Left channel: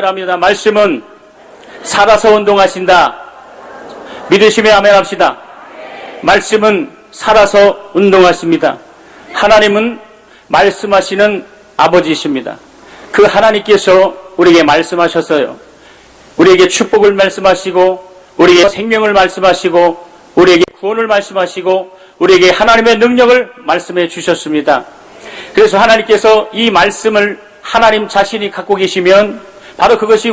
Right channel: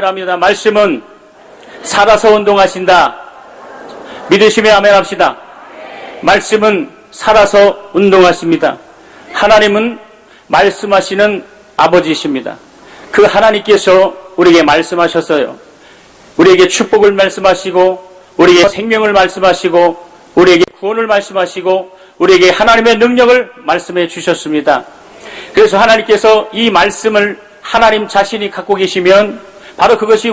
잘합니다. 말씀은 살아서 운동하신다. 믿으시면 아멘 합시다. 말씀은 살아서 운동하십니다. 하나님은 말씀하시는 아버지이십니다. 그 하나님께서 우리에게 말씀하셨어요. 우리에게 축복을 말씀하시고, 우리에게 생명을 말씀하시고, 우리에게 구원을 말씀하시고, 우리에게 하나님의 능력을 말씀해 주셨습니다. 그래서 하나님께서 이 말씀을 하나님 자신이 갖고 계시면 바로 그것이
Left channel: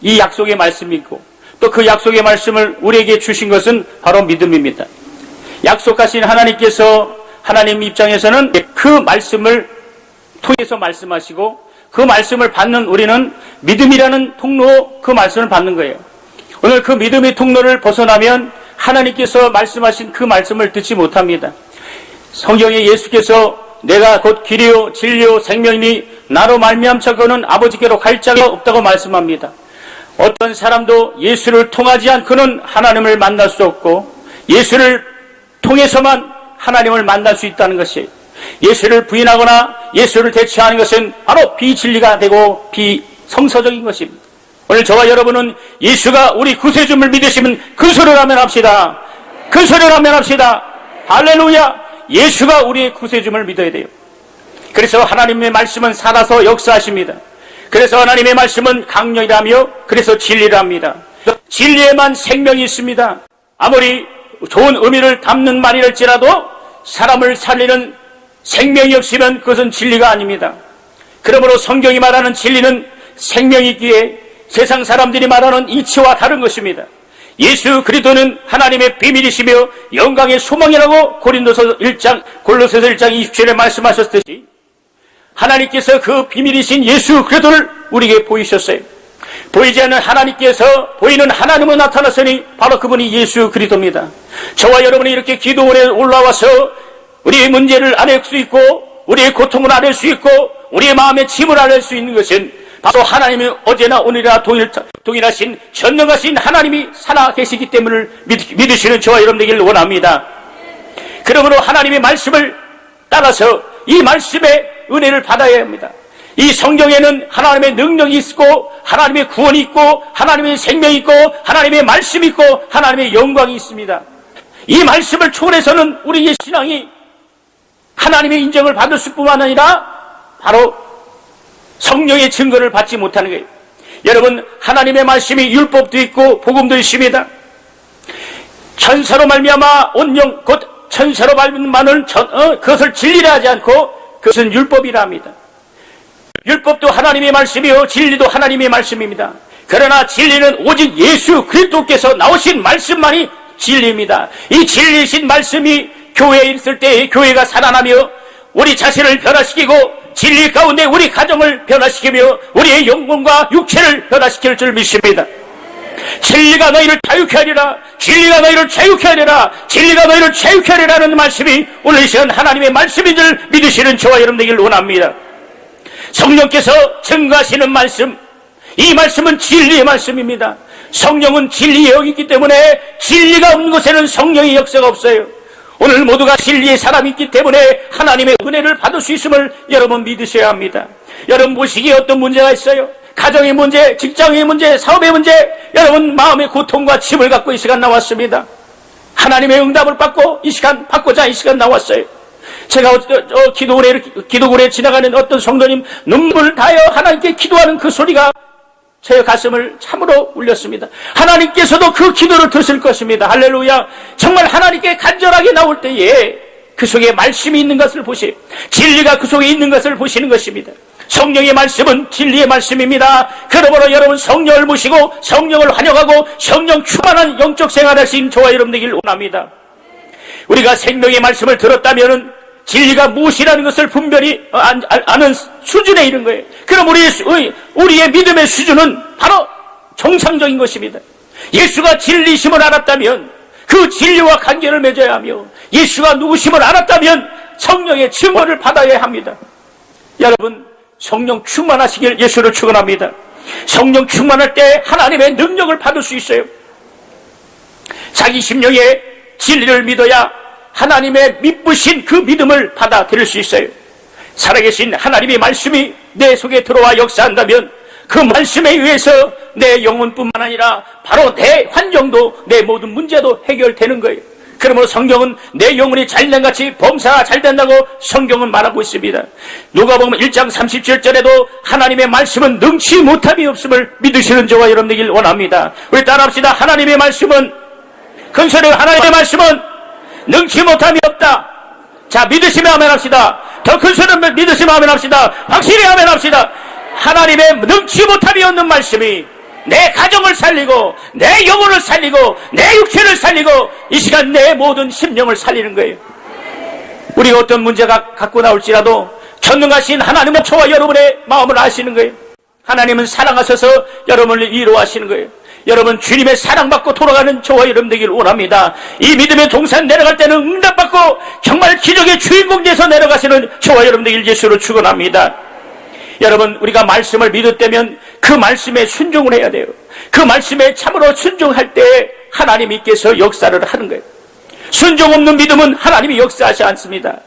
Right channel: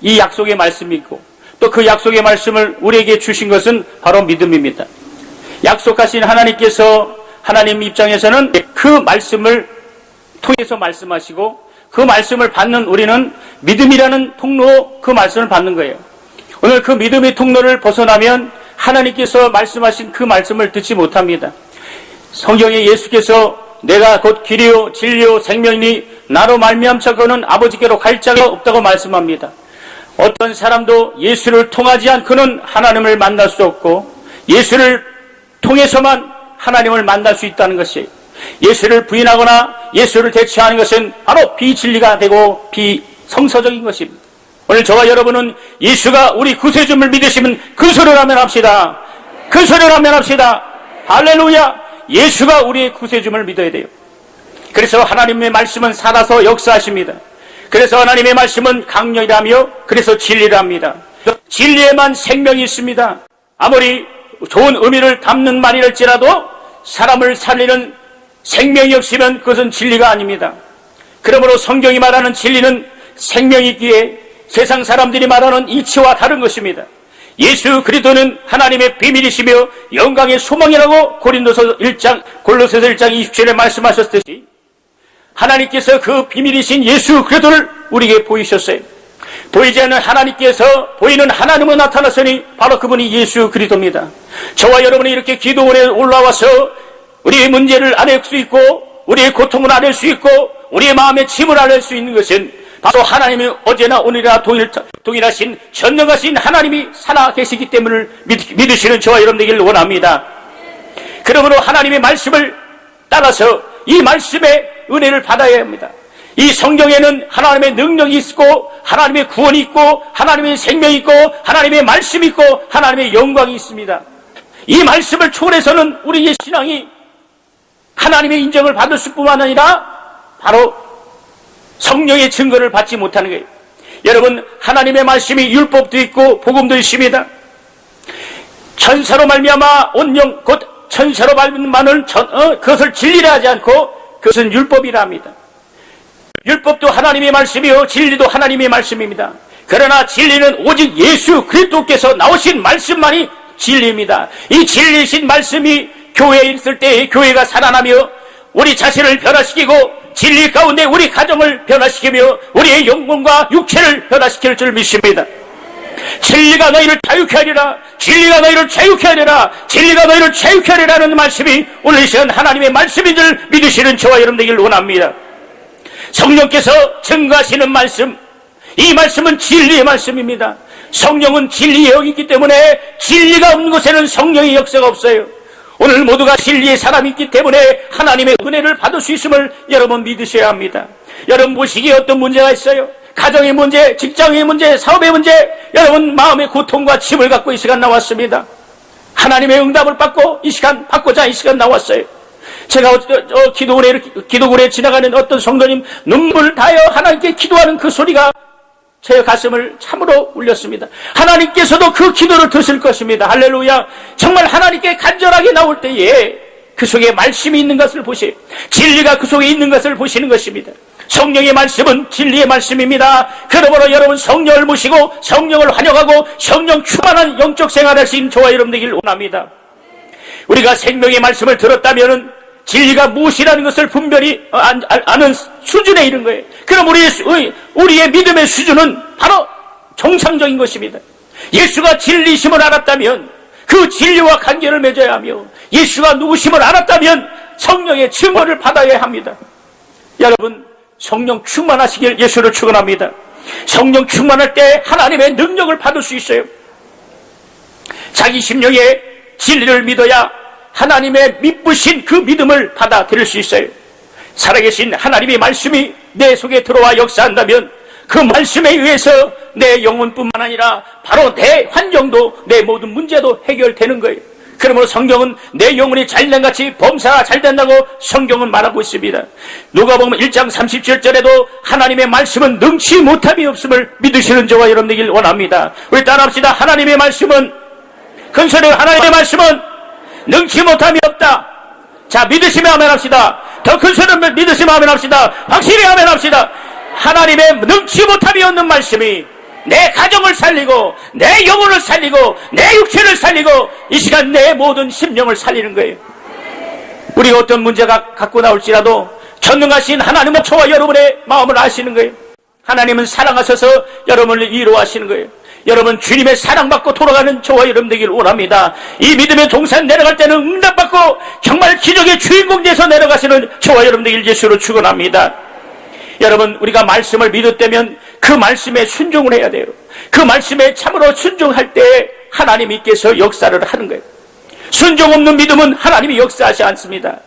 이 약속의 말씀이고, 또 그 약속의 말씀을 우리에게 주신 것은 바로 믿음입니다. 약속하신 하나님께서 하나님 입장에서는 그 말씀을 통해서 말씀하시고, 그 말씀을 받는 우리는 믿음이라는 통로, 그 말씀을 받는 거예요. 오늘 그 믿음의 통로를 벗어나면 하나님께서 말씀하신 그 말씀을 듣지 못합니다. 성경에 예수께서 내가 곧 길이요 진리요 생명이니 나로 말미암자 그는 아버지께로 갈 자가 없다고 말씀합니다. 어떤 사람도 예수를 통하지 않고는 하나님을 만날 수 없고, 예수를 통해서만 하나님을 만날 수 있다는 것이에요. 예수를 부인하거나 예수를 대체하는 것은 바로 비진리가 되고 비성서적인 것입니다. 오늘 저와 여러분은 예수가 우리 구세주를 믿으시면 그 소리를 하면 합시다. 그 소리를 하면 합시다. 할렐루야. 예수가 우리의 구세주를 믿어야 돼요. 그래서 하나님의 말씀은 살아서 역사하십니다. 그래서 하나님의 말씀은 강력이라며, 그래서 진리랍니다. 진리에만 생명이 있습니다. 아무리 좋은 의미를 담는 말이랄지라도 사람을 살리는 생명이 없이는 그것은 진리가 아닙니다. 그러므로 성경이 말하는 진리는 생명이 있기에 세상 사람들이 말하는 이치와 다른 것입니다. 예수 그리스도는 하나님의 비밀이시며 영광의 소망이라고 골로새서 1장 27절에 말씀하셨듯이 하나님께서 그 비밀이신 예수 그리스도를 우리에게 보이셨어요. 보이지 않는 하나님께서 보이는 하나님으로 나타났으니 바로 그분이 예수 그리스도입니다. 저와 여러분이 이렇게 기도원에 올라와서 우리의 문제를 알릴 수 있고, 우리의 고통을 알릴 수 있고, 우리의 마음의 짐을 알릴 수 있는 것은 바로 하나님이 어제나 오늘이나 동일하신 전능하신 하나님이 살아계시기 때문에 믿으시는 저와 여러분 되기를 원합니다. 그러므로 하나님의 말씀을 따라서 이 말씀의 은혜를 받아야 합니다. 이 성경에는 하나님의 능력이 있고, 하나님의 구원이 있고, 하나님의 생명이 있고, 하나님의 말씀이 있고, 하나님의 영광이 있습니다. 이 말씀을 초월해서는 우리의 신앙이 하나님의 인정을 받을 수뿐만 아니라 바로 성령의 증거를 받지 못하는 거예요. 여러분, 하나님의 말씀이 율법도 있고 복음도 있습니다. 천사로 말미암아 온 영 곧 천사로 말미암아는 그것을 진리라 하지 않고 그것은 율법이라 합니다. 율법도 하나님의 말씀이요 진리도 하나님의 말씀입니다. 그러나 진리는 오직 예수 그리스도께서 나오신 말씀만이 진리입니다. 이 진리이신 말씀이 교회에 있을 때 교회가 살아나며 우리 자신을 변화시키고 진리 가운데 우리 가정을 변화시키며 우리의 영혼과 육체를 변화시킬 줄 믿습니다. 진리가 너희를 자유케 하리라, 진리가 너희를 자유케 하리라, 진리가 너희를 자유케 하리라는 말씀이 오늘 이 시간 하나님의 말씀인 줄 믿으시는 저와 여러분 되기를 원합니다. 성령께서 증거하시는 말씀, 이 말씀은 진리의 말씀입니다. 성령은 진리의 영이기 때문에 진리가 없는 곳에는 성령의 역사가 없어요. 오늘 모두가 진리의 사람이 있기 때문에 하나님의 은혜를 받을 수 있음을 여러분 믿으셔야 합니다. 여러분 모시기에 어떤 문제가 있어요? 가정의 문제, 직장의 문제, 사업의 문제, 여러분 마음의 고통과 짐을 갖고 이 시간 나왔습니다. 하나님의 응답을 받고자 이 시간 나왔어요. 제가 기도원에 지나가는 어떤 성도님 눈물을 다하여 하나님께 기도하는 그 소리가 제 가슴을 참으로 울렸습니다. 하나님께서도 그 기도를 들으실 것입니다. 할렐루야. 정말 하나님께 간절하게 나올 때에 그 속에 말씀이 있는 것을 보세요. 진리가 그 속에 있는 것을 보시는 것입니다. 성령의 말씀은 진리의 말씀입니다. 그러므로 여러분 성령을 모시고 성령을 환영하고 성령 충만한 영적 생활을 하신 저와 여러분 되기를 원합니다. 우리가 생명의 말씀을 들었다면 진리가 무엇이라는 것을 분별히 아는 수준에 이른 거예요. 그럼 우리의 믿음의 수준은 바로 정상적인 것입니다. 예수가 진리심을 알았다면 그 진리와 관계를 맺어야 하며 예수가 누구심을 알았다면 성령의 증거를 받아야 합니다. 여러분 성령 충만하시길 예수를 축원합니다. 성령 충만할 때 하나님의 능력을 받을 수 있어요. 자기 심령의 진리를 믿어야 하나님의 믿으신 그 믿음을 받아들일 수 있어요. 살아계신 하나님의 말씀이 내 속에 들어와 역사한다면 그 말씀에 의해서 내 영혼뿐만 아니라 바로 내 환경도 내 모든 문제도 해결되는 거예요. 그러므로 성경은 내 영혼이 잘된같이 범사가 잘된다고 성경은 말하고 있습니다. 누가복음 1장 37절에도 하나님의 말씀은 능치 못함이 없음을 믿으시는 저와 여러분 되길 원합니다. 우리 따라합시다. 하나님의 말씀은, 금소리로 하나님의 말씀은 능치 못함이 없다. 자, 믿으시면 아멘 합시다. 더 큰 소리로 믿으시면 아멘 합시다. 확실히 아멘 합시다. 하나님의 능치 못함이 없는 말씀이 내 가정을 살리고 내 영혼을 살리고 내 육체를 살리고 이 시간 내 모든 심령을 살리는 거예요. 우리가 어떤 문제가 갖고 나올지라도 전능하신 하나님은 저와 여러분의 마음을 아시는 거예요. 하나님은 사랑하셔서 여러분을 위로하시는 거예요. 여러분 주님의 사랑받고 돌아가는 저와 여러분 되길 원합니다. 이 믿음의 동산 내려갈 때는 응답받고 정말 기적의 주인공 돼서 내려가시는 저와 여러분 되길 예수로 축원합니다. 여러분, 우리가 말씀을 믿었다면 그 말씀에 순종을 해야 돼요. 그 말씀에 참으로 순종할 때 하나님께서 역사를 하는 거예요. 순종 없는 믿음은 하나님이 역사하지 않습니다.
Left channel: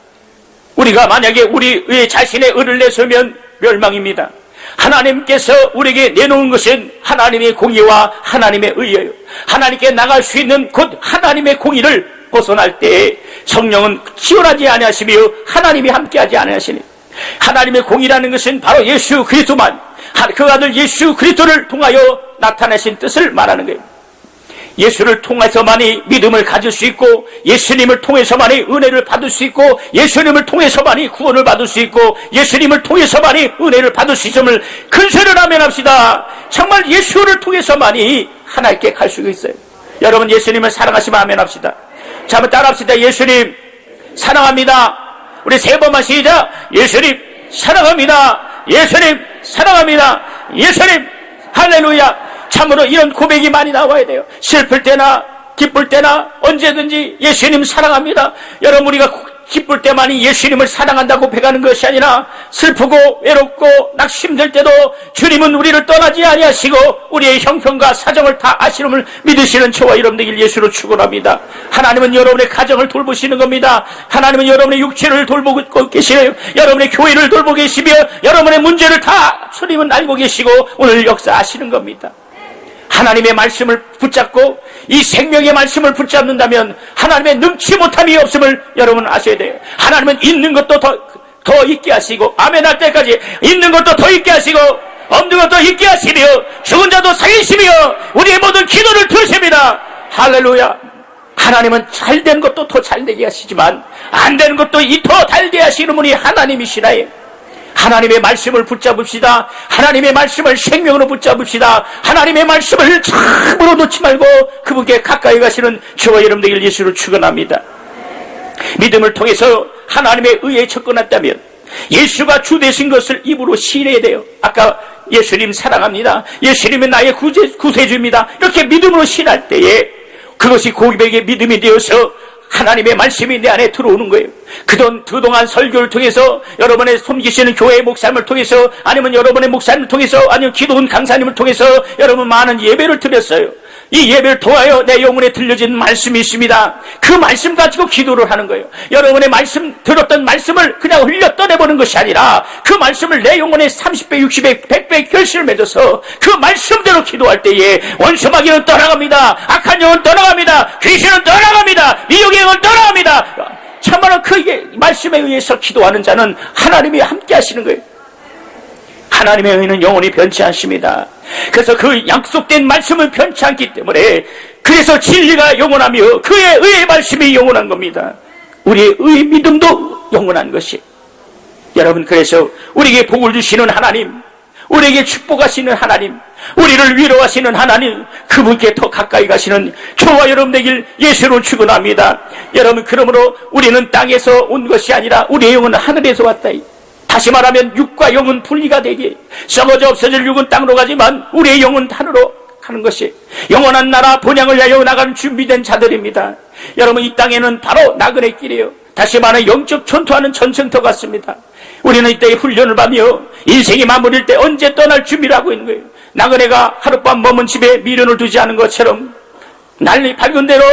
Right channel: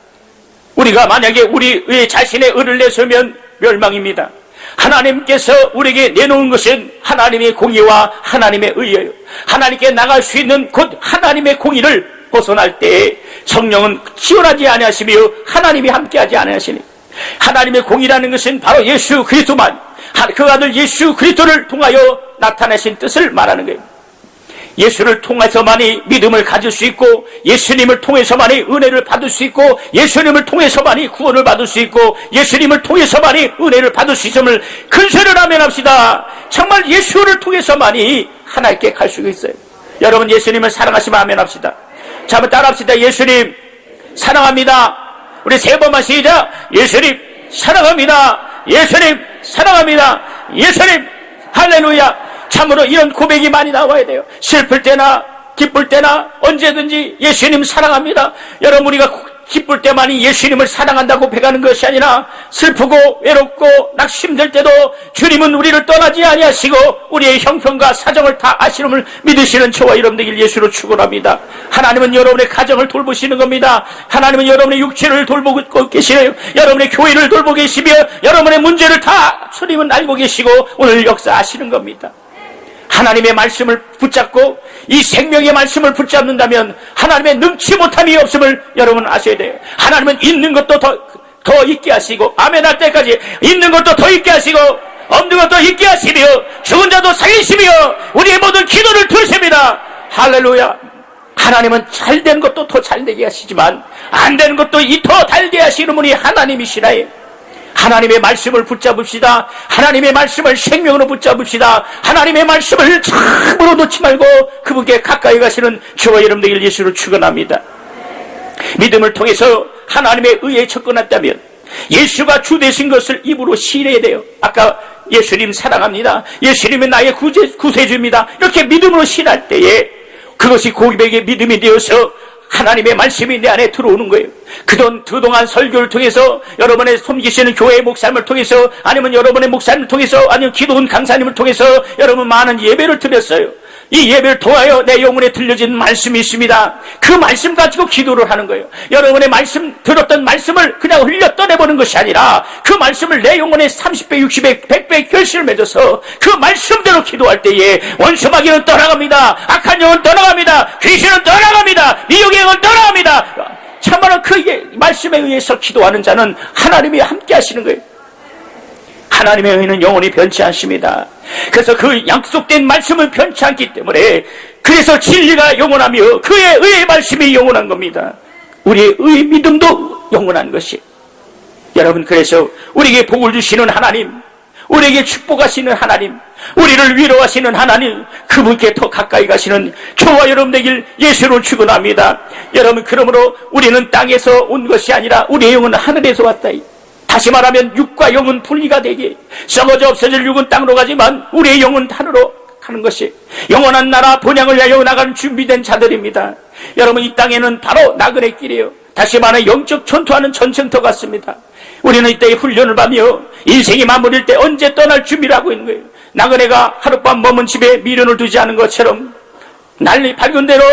우리가 만약에 우리 자신의 의를 내세우면 멸망입니다. 하나님께서 우리에게 내놓은 것은 하나님의 공의와 하나님의 의예요. 하나님께 나갈 수 있는 곧 하나님의 공의를 벗어날 때에 성령은 지원하지 아니하시며 하나님이 함께하지 아니하시니, 하나님의 공의라는 것은 바로 예수 그리스도만, 그 아들 예수 그리스도를 통하여 나타내신 뜻을 말하는 거예요. 예수를 통해서만이 믿음을 가질 수 있고, 예수님을 통해서만이 은혜를 받을 수 있고, 예수님을 통해서만이 구원을 받을 수 있고, 예수님을 통해서만이 은혜를 받을 수 있음을 큰 소리로 아멘합시다. 정말 예수를 통해서만이 하나님께 갈 수 있어요. 여러분 예수님을 사랑하시면 아멘합시다. 자, 한번 따라합시다. 예수님 사랑합니다. 우리 세 번만 시작. 예수님 사랑합니다. 예수님 사랑합니다. 예수님 할렐루야. 참으로 이런 고백이 많이 나와야 돼요. 슬플 때나 기쁠 때나 언제든지 예수님 사랑합니다. 여러분 우리가 기쁠 때만이 예수님을 사랑한다고 배가는 것이 아니라 슬프고 외롭고 낙심될 때도 주님은 우리를 떠나지 아니하시고 우리의 형편과 사정을 다 아시름을 믿으시는 저와 여러분들 예수로 축원합니다. 하나님은 여러분의 가정을 돌보시는 겁니다. 하나님은 여러분의 육체를 돌보고 계시며 여러분의 교회를 돌보고 계시며 여러분의 문제를 다 주님은 알고 계시고 오늘 역사하시는 겁니다. 하나님의 말씀을 붙잡고 이 생명의 말씀을 붙잡는다면 하나님의 능치 못함이 없음을 여러분 아셔야 돼요. 하나님은 있는 것도 더 있게 하시고 아멘 할 때까지 있는 것도 더 있게 하시고 없는 것도 있게 하시며 죽은 자도 살리시며 우리의 모든 기도를 들으십니다. 할렐루야. 하나님은 잘된 것도 더 잘되게 하시지만 안 되는 것도 더 달게 하시는 분이 하나님이시나요. 하나님의 말씀을 붙잡읍시다. 하나님의 말씀을 생명으로 붙잡읍시다. 하나님의 말씀을 참으로 놓지 말고 그분께 가까이 가시는 저와 여러분들 예수를 축원합니다. 믿음을 통해서 하나님의 의에 접근했다면 예수가 주 되신 것을 입으로 시인해야 돼요. 아까 예수님 사랑합니다. 예수님은 나의 구세주입니다. 이렇게 믿음으로 시인할 때에 그것이 고백의 믿음이 되어서 하나님의 말씀이 내 안에 들어오는 거예요. 그동안 설교를 통해서 여러분의 섬기시는 교회의 목사님을 통해서 아니면 여러분의 목사님을 통해서 아니면 기도원 강사님을 통해서 여러분 많은 예배를 드렸어요. 이 예배를 통하여 내 영혼에 들려진 말씀이 있습니다. 그 말씀 가지고 기도를 하는 거예요. 여러분의 말씀 들었던 말씀을 그냥 흘려 떠내보는 것이 아니라 그 말씀을 내 영혼에 30배, 60배, 100배 결실을 맺어서 그 말씀대로 기도할 때에 원수마귀는 떠나갑니다. 악한 영은 떠나갑니다. 귀신은 떠나갑니다. 미혹의 영은 떠나갑니다. 참말로 그 말씀에 의해서 기도하는 자는 하나님이 함께 하시는 거예요. 하나님의 의는 영원히 변치 않습니다. 그래서 그 약속된 말씀은 변치 않기 때문에 그래서 진리가 영원하며 그의 의의 말씀이 영원한 겁니다. 우리의 의 믿음도 영원한 것이. 여러분 그래서 우리에게 복을 주시는 하나님, 우리에게 축복하시는 하나님, 우리를 위로하시는 하나님, 그분께 더 가까이 가시는 저와 여러분 되길 예수를 축원합니다. 여러분 그러므로 우리는 땅에서 온 것이 아니라 우리의 영은 하늘에서 왔다. 다시 말하면 육과 영은 분리가 되게 썩어져 없어질 육은 땅으로 가지만 우리의 영은 하늘로 가는 것이 영원한 나라 본향을 향해 나가는 준비된 자들입니다. 여러분 이 땅에는 바로 나그네 길이에요. 다시 말하면 영적 전투하는 전쟁터 같습니다. 우리는 이때 훈련을 받으며 인생이 마무리일 때 언제 떠날 준비를 하고 있는 거예요. 나그네가 하룻밤 머문 집에 미련을 두지 않은 것처럼 난리 밝은 대로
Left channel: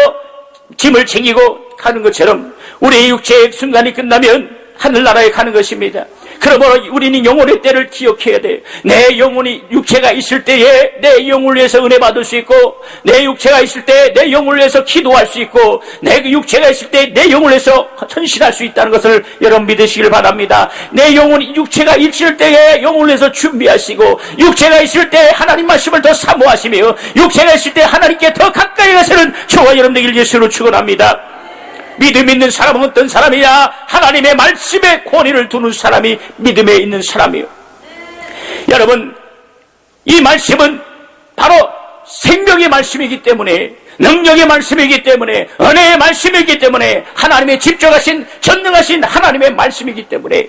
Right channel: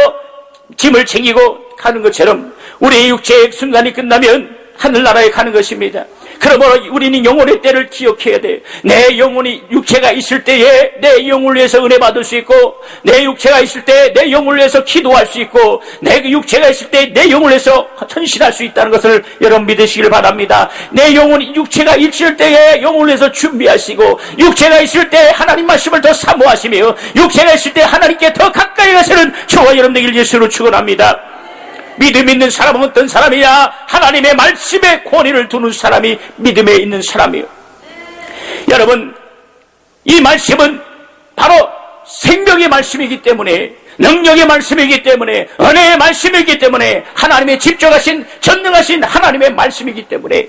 짐을 챙기고 가는 것처럼 우리의 육체의 순간이 끝나면 하늘나라에 가는 것입니다. 그러므로 우리는 영혼의 때를 기억해야 돼요. 내 영혼이 육체가 있을 때에 내 영혼을 위해서 은혜 받을 수 있고, 내 육체가 있을 때 내 영혼을 위해서 기도할 수 있고, 내 육체가 있을 때 내 영혼을 위해서 헌신할 수 있다는 것을 여러분 믿으시길 바랍니다. 내 영혼이 육체가 있을 때에 영혼을 위해서 준비하시고, 육체가 있을 때 하나님 말씀을 더 사모하시며, 육체가 있을 때 하나님께 더 가까이 가시는 저와 여러분들 예수로 축원합니다. 믿음 있는 사람은 어떤 사람이야? 하나님의 말씀에 권위를 두는 사람이 믿음에 있는 사람이요. 여러분, 이 말씀은 바로 생명의 말씀이기 때문에, 능력의 말씀이기 때문에, 은혜의 말씀이기 때문에, 하나님의 직접하신 전능하신 하나님의 말씀이기 때문에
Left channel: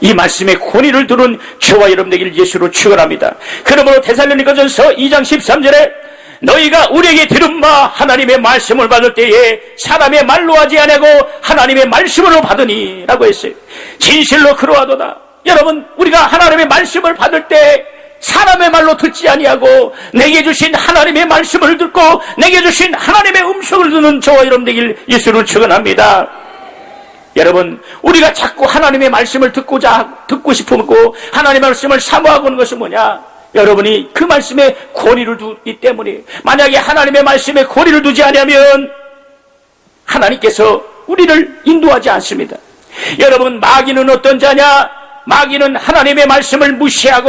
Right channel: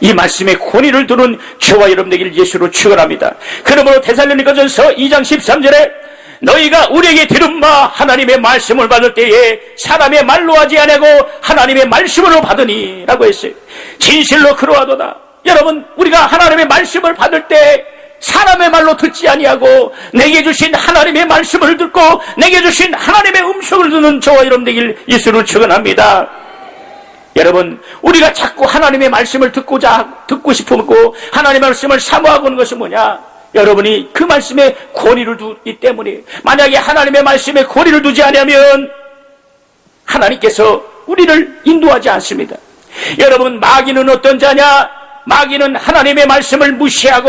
이 말씀에 권위를 두는 저와 여러분들 예수로 축원합니다. 그러므로 데살로니가전서 2장 13절에 너희가 우리에게 들은 바 하나님의 말씀을 받을 때에 사람의 말로 하지 아니하고 하나님의 말씀으로 받으니 라고 했어요. 진실로 그러하도다. 여러분, 우리가 하나님의 말씀을 받을 때 사람의 말로 듣지 아니하고 내게 주신 하나님의 말씀을 듣고 내게 주신 하나님의 음성을 듣는 저와 여러분들 예수를 축원합니다. 여러분, 우리가 자꾸 하나님의 말씀을 듣고 싶고 하나님의 말씀을 사모하고 있는 것은 뭐냐? 여러분이 그 말씀에 권위를 두기 때문에, 만약에 하나님의 말씀에 권위를 두지 않으면 하나님께서 우리를 인도하지 않습니다. 여러분, 마귀는 어떤 자냐? 마귀는 하나님의 말씀을 무시하고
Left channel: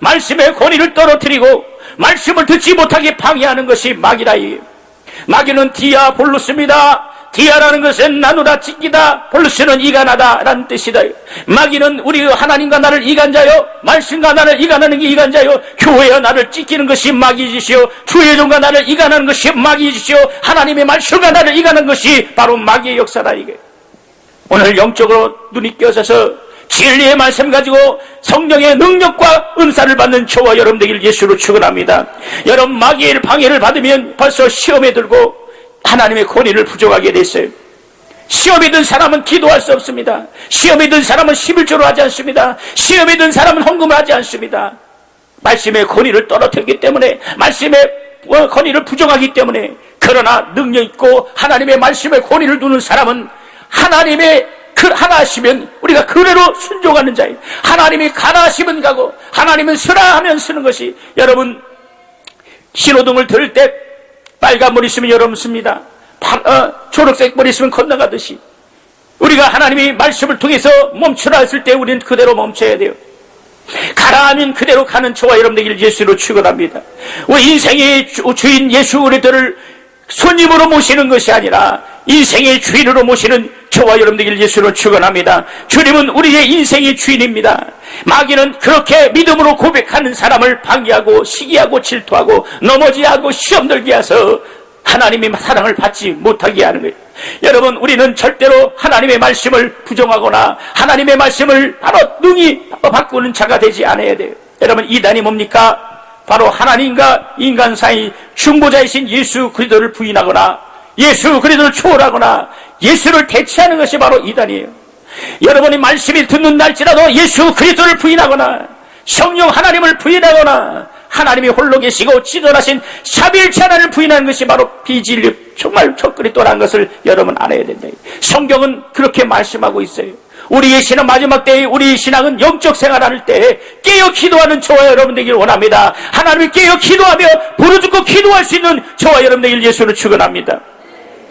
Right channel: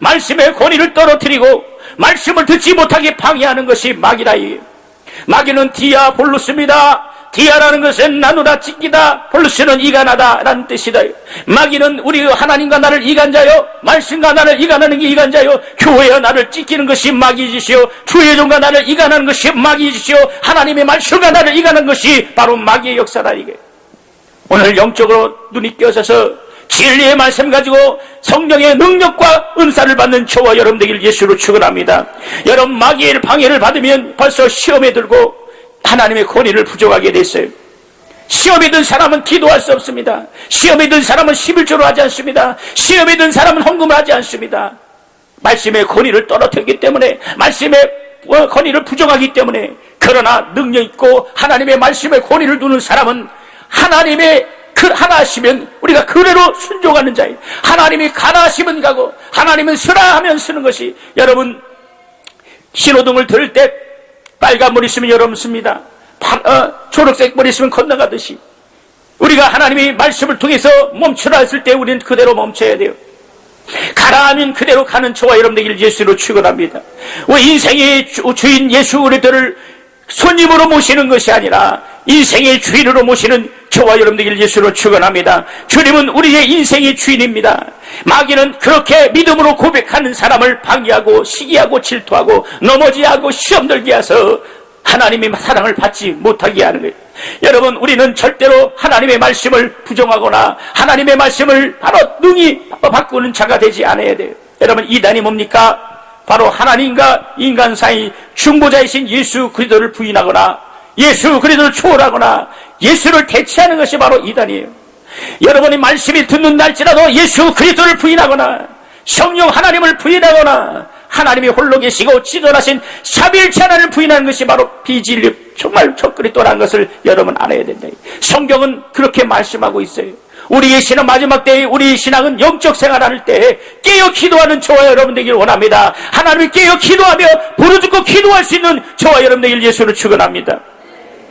말씀의 권위를 떨어뜨리고 말씀을 듣지 못하게 방해하는 것이 마귀라이. 마귀는 디아볼로스입니다. 디아라는 것은 나도다 찢기다, 볼로스는 이간하다 라는 뜻이다. 마귀는 우리 하나님과 나를 이간자요, 말씀과 나를 이간하는 게 이간자요, 교회와 나를 찢기는 것이 마귀이시오, 주의종과 나를 이간하는 것이 마귀이시오, 하나님의 말씀과 나를 이간하는 것이 바로 마귀의 역사다. 이게 오늘 영적으로 눈이 껴져서 진리의 말씀 가지고 성령의 능력과 은사를 받는 저와 여러분들 예수로 축원합니다. 여러분, 마귀의 방해를 받으면 벌써 시험에 들고 하나님의 권위를 부족하게 됐어요. 시험에 든 사람은 기도할 수 없습니다. 시험에 든 사람은 11조로 하지 않습니다. 시험에 든 사람은 헌금을 하지 않습니다. 말씀의 권위를 떨어뜨리기 때문에, 말씀의 권위를 부족하기 때문에. 그러나 능력 있고 하나님의 말씀의 권위를 두는 사람은 하나님의 그 하나 하시면 우리가 그대로 순종하는 자예요. 하나님이 가라 하시면 가고 하나님은 쓰라 하면 쓰는 것이. 여러분, 신호등을 들을 때 빨간 머리 있으면 여러분 씁니다. 초록색 머리 있으면 건너가듯이 우리가 하나님의 말씀을 통해서 멈추라 했을 때 우리는 그대로 멈춰야 돼요. 가라 하면 그대로 가는 저와 여러분들 예수로 축원합니다. 인생의 주인 예수 우리들을 손님으로 모시는 것이 아니라 인생의 주인으로 모시는 저와 여러분들 예수로 축원합니다. 주님은 우리의 인생의 주인입니다. 마귀는 그렇게 믿음으로 고백하는 사람을 방해하고 시기하고 질투하고 넘어지하고 시험 들게 해서 하나님의 사랑을 받지 못하게 하는 거예요. 여러분, 우리는 절대로 하나님의 말씀을 부정하거나 하나님의 말씀을 바로 능히 바꾸는 자가 되지 않아야 돼요. 여러분, 이단이 뭡니까? 바로 하나님과 인간 사이 중보자이신 예수 그리스도를 부인하거나 예수 그리스도를 초월하거나 예수를 대체하는 것이 바로 이단이에요. 여러분이 말씀을 듣는 날지라도 예수 그리스도를 부인하거나 성령 하나님을 부인하거나 하나님이 홀로 계시고 지존하신 삼위일체 하나님을 부인하는 것이 바로 비진리, 정말 적그리스도라는 것을 여러분 알아야 된다. 성경은 그렇게 말씀하고 있어요. 우리의 신앙 마지막 때에 우리의 신앙은 영적 생활할 때에 깨어 기도하는 저와 여러분 되길 원합니다. 하나님이 깨어 기도하며 부르짖고 기도할 수 있는 저와 여러분 되길 예수를 축원합니다.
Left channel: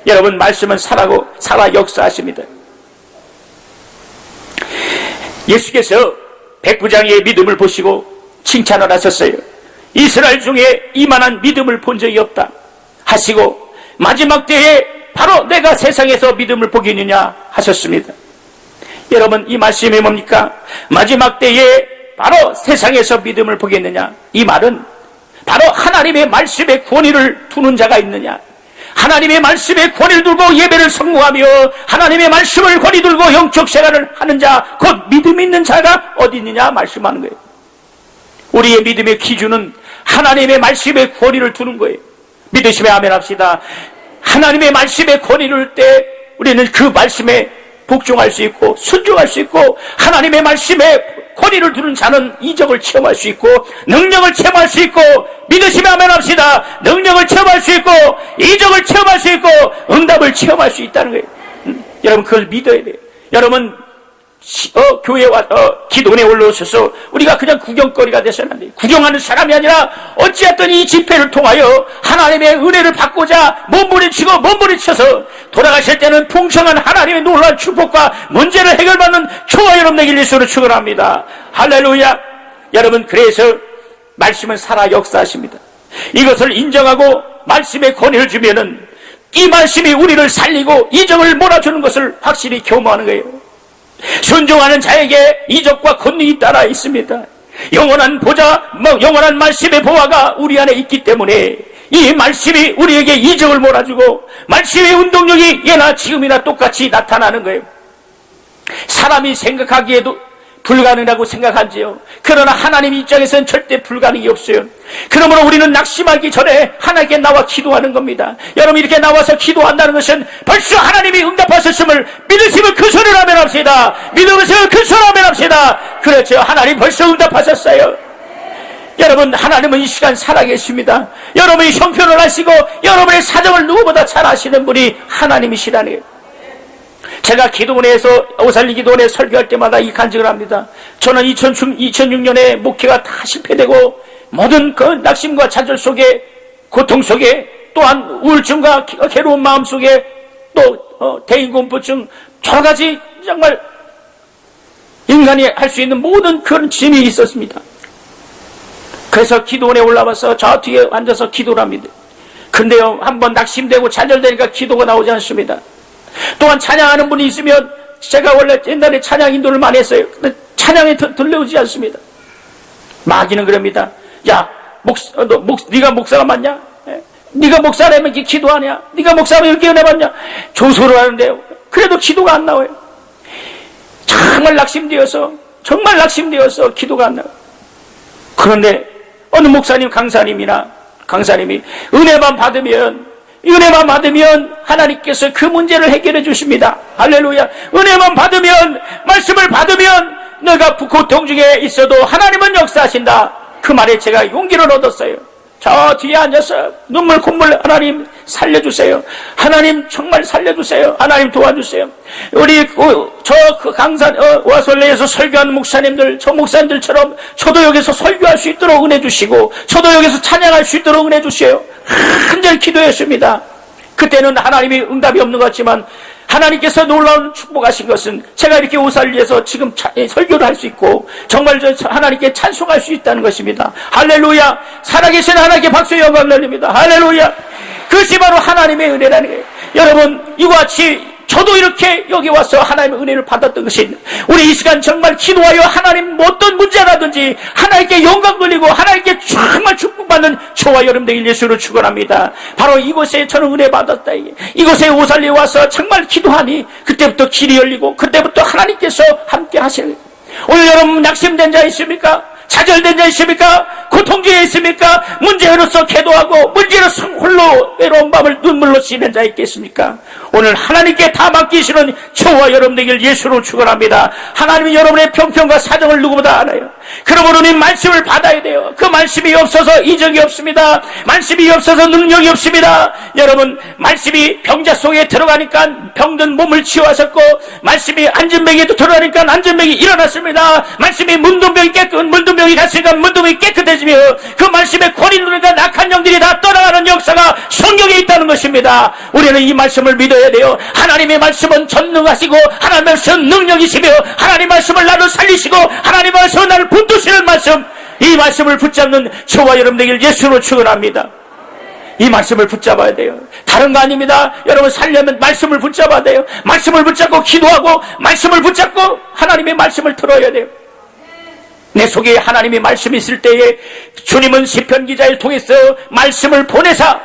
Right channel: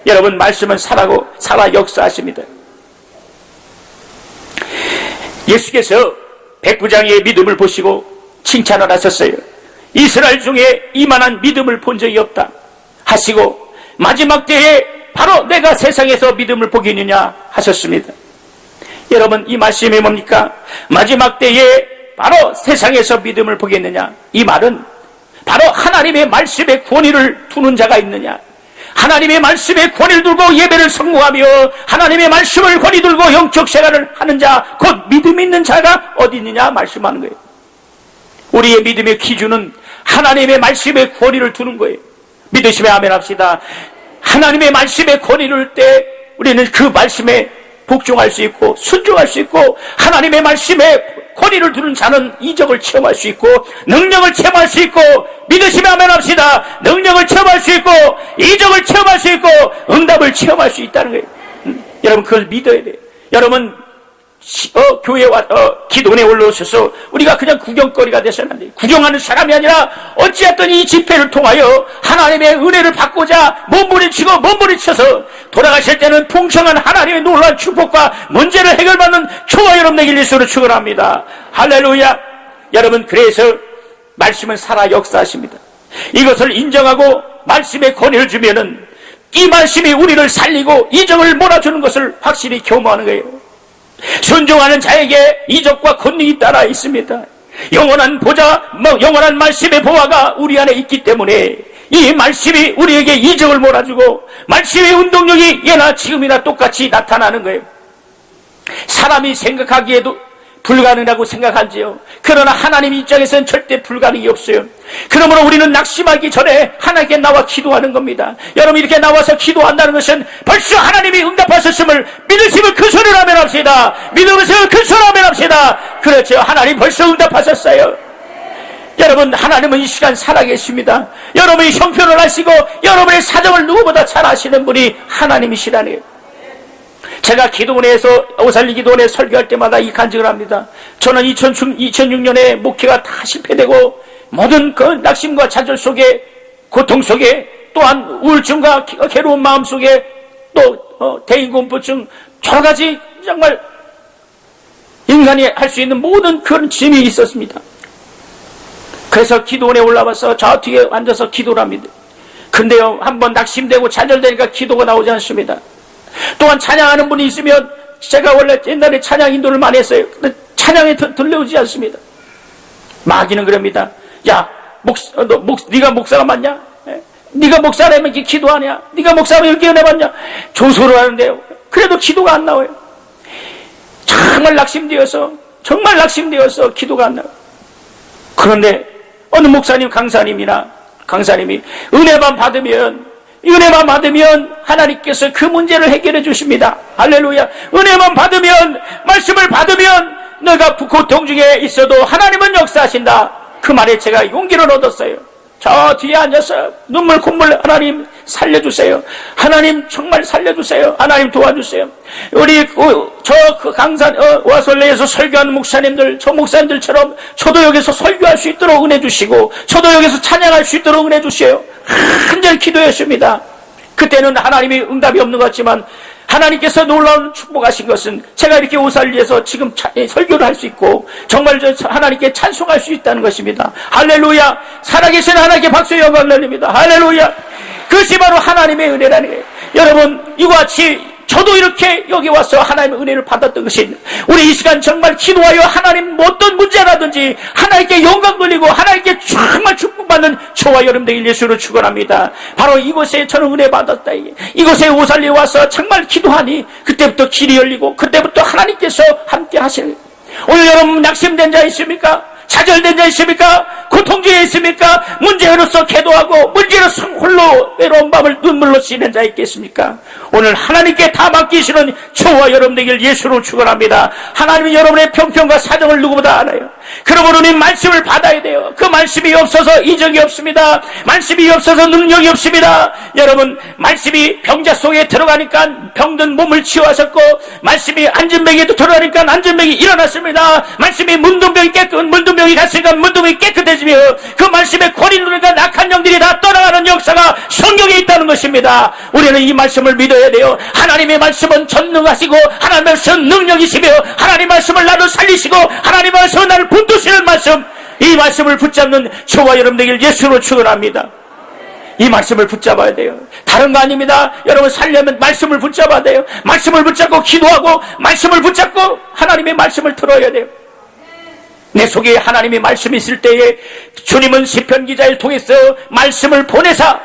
여러분, 말씀은 살아 역사하십니다. 예수께서 백부장의 믿음을 보시고 칭찬을 하셨어요. 이스라엘 중에 이만한 믿음을 본 적이 없다 하시고 마지막 때에 바로 내가 세상에서 믿음을 보겠느냐 하셨습니다. 여러분, 이 말씀이 뭡니까? 마지막 때에 바로 세상에서 믿음을 보겠느냐, 이 말은 바로 하나님의 말씀에 권위를 두는 자가 있느냐, 하나님의 말씀에 권위를 두고 예배를 성모하며 하나님의 말씀을 권위 들고 영적 생활을 하는 자, 곧 믿음 있는 자가 어디 있느냐 말씀하는 거예요. 우리의 믿음의 기준은 하나님의 말씀에 권위를 두는 거예요. 믿으시면 아멘 합시다. 하나님의 말씀에 권위를 둘 때 우리는 그 말씀에 복종할 수 있고 순종할 수 있고, 하나님의 말씀에 권위를 두는 자는 이적을 체험할 수 있고 능력을 체험할 수 있고, 믿으시면 아멘 합시다. 능력을 체험할 수 있고 이적을 체험할 수 있고 응답을 체험할 수 있다는 거예요. 여러분, 그걸 믿어야 돼요. 여러분, 교회 와 기도원에 올라오셔서 우리가 그냥 구경거리가 되서는 안 돼요. 구경하는 사람이 아니라 어찌했든 이 집회를 통하여 하나님의 은혜를 받고자 몸부림치고 돌아가실 때는 풍성한 하나님의 놀라운 축복과 문제를 해결받는 저와 여러분에게 예수로 축원합니다. 할렐루야. 여러분, 그래서 말씀은 살아 역사하십니다. 이것을 인정하고 말씀에 권위를 주면은 이 말씀이 우리를 살리고 이적을 몰아주는 것을 확실히 교모하는 거예요. 순종하는 자에게 이적과 권능이 따라 있습니다. 영원한 말씀의 보화가 우리 안에 있기 때문에 이 말씀이 우리에게 이적을 몰아주고 말씀의 운동력이 예나 지금이나 똑같이 나타나는 거예요. 사람이 생각하기에도 불가능하다고 생각하지요. 그러나 하나님 입장에서는 절대 불가능이 없어요. 그러므로 우리는 낙심하기 전에 하나님께 나와 기도하는 겁니다. 여러분, 이렇게 나와서 기도한다는 것은 벌써 하나님이 응답하셨음을 믿으시면 그 소리를 하면 합시다. 믿으시면 그 소리를 하면 합시다. 그렇죠. 하나님 벌써 응답하셨어요. 여러분, 하나님은 이 시간 살아계십니다. 여러분의 형편을 아시고 여러분의 사정을 누구보다 잘 아시는 분이 하나님이시라네요. 제가 기도원에서 오살리 기도원에 설교할 때마다 이 간증을 합니다. 저는 2006년에 목회가 다 실패되고 모든 그 낙심과 좌절 속에, 고통 속에, 또한 우울증과 괴로운 마음 속에 또 대인공포증, 여러 가지 정말 인간이 할 수 있는 모든 그런 짐이 있었습니다. 그래서 기도원에 올라와서 저 뒤에 앉아서 기도를 합니다. 근데요, 한번 낙심되고 좌절되니까 기도가 나오지 않습니다. 또한 찬양하는 분이 있으면, 제가 원래 옛날에 찬양 인도를 많이 했어요. 근데 찬양에 들려오지 않습니다. 마귀는 그럽니다. 야, 네가 목사가 맞냐? 네가 목사라면 이렇게 기도하냐? 네가 목사라면 이렇게 은혜 받냐? 조소를 하는데요. 그래도 기도가 안 나와요. 정말 낙심되어서 기도가 안 나와요. 그런데 어느 목사님, 강사님이 은혜만 받으면 하나님께서 그 문제를 해결해 주십니다. 할렐루야. 은혜만 받으면, 말씀을 받으면 내가 고통 중에 있어도 하나님은 역사하신다. 그 말에 제가 용기를 얻었어요. 저 뒤에 앉아서 눈물 콧물, 하나님 살려주세요. 하나님 정말 살려주세요. 하나님 도와주세요. 우리 강산 와솔레에서 설교하는 목사님들, 저 목사님들처럼 저도 여기서 설교할 수 있도록 은혜 주시고, 저도 여기서 찬양할 수 있도록 은혜 주세요. 완전히 기도했습니다. 그때는 하나님이 응답이 없는 것 같지만 하나님께서 놀라운 축복하신 것은 제가 이렇게 오살리에서 지금 설교를 할 수 있고 정말 하나님께 찬송할 수 있다는 것입니다. 할렐루야. 살아계신 하나님께 박수 영광을 돌립니다. 할렐루야. 그것이 바로 하나님의 은혜라는 거예요. 여러분, 이와 같이 저도 이렇게 여기 와서 하나님의 은혜를 받았던 것이, 우리 이 시간 정말 기도하여 하나님 어떤 문제라든지 하나님께 영광 돌리고 하나님께 정말 축복받는 저와 여러분들 예수를 축원합니다. 바로 이곳에 저는 은혜 받았다. 이곳에 오살리에 와서 정말 기도하니 그때부터 길이 열리고 그때부터 하나님께서 함께 하실. 오늘 여러분 낙심된 자 있습니까? 좌절된 자 있습니까? 고통 중에 있습니까? 문제로서 기도하고 문제로서 홀로 외로운 밤을 눈물로 씻는 자 있겠습니까? 오늘 하나님께 다 맡기시는 저와 여러분에게 예수로 축원합니다. 하나님은 여러분의 평평과 사정을 누구보다 알아요. 그러므로 우리 말씀을 받아야 돼요. 그 말씀이 없어서 이적이 없습니다. 말씀이 없어서 능력이 없습니다. 여러분, 말씀이 병자 속에 들어가니까 병든 몸을 치유하셨고, 말씀이 안전병에도 들어가니까 안전병이 일어났습니다. 말씀이 문둥병이 했으니까 문둥이 깨끗해지며, 그 말씀의 권위를 누리니까 악한 영들이 다 떠나가는 역사가 성경에 있다는 것입니다. 우리는 이 말씀을 믿어야 돼요. 하나님의 말씀은 전능하시고 하나님의 말씀은 능력이시며 하나님의 말씀을 나도 살리시고 하나님의 말씀은 나를 붙드시는 말씀, 이 말씀을 붙잡는 저와 여러분에게 예수로 축원합니다. 이 말씀을 붙잡아야 돼요. 다른 거 아닙니다. 여러분 살려면 말씀을 붙잡아야 돼요. 말씀을 붙잡고 기도하고 말씀을 붙잡고 하나님의 말씀을 들어야 돼요. 내 속에 하나님의 말씀이 있을 때에 주님은 시편 기자를 통해서 말씀을 보내사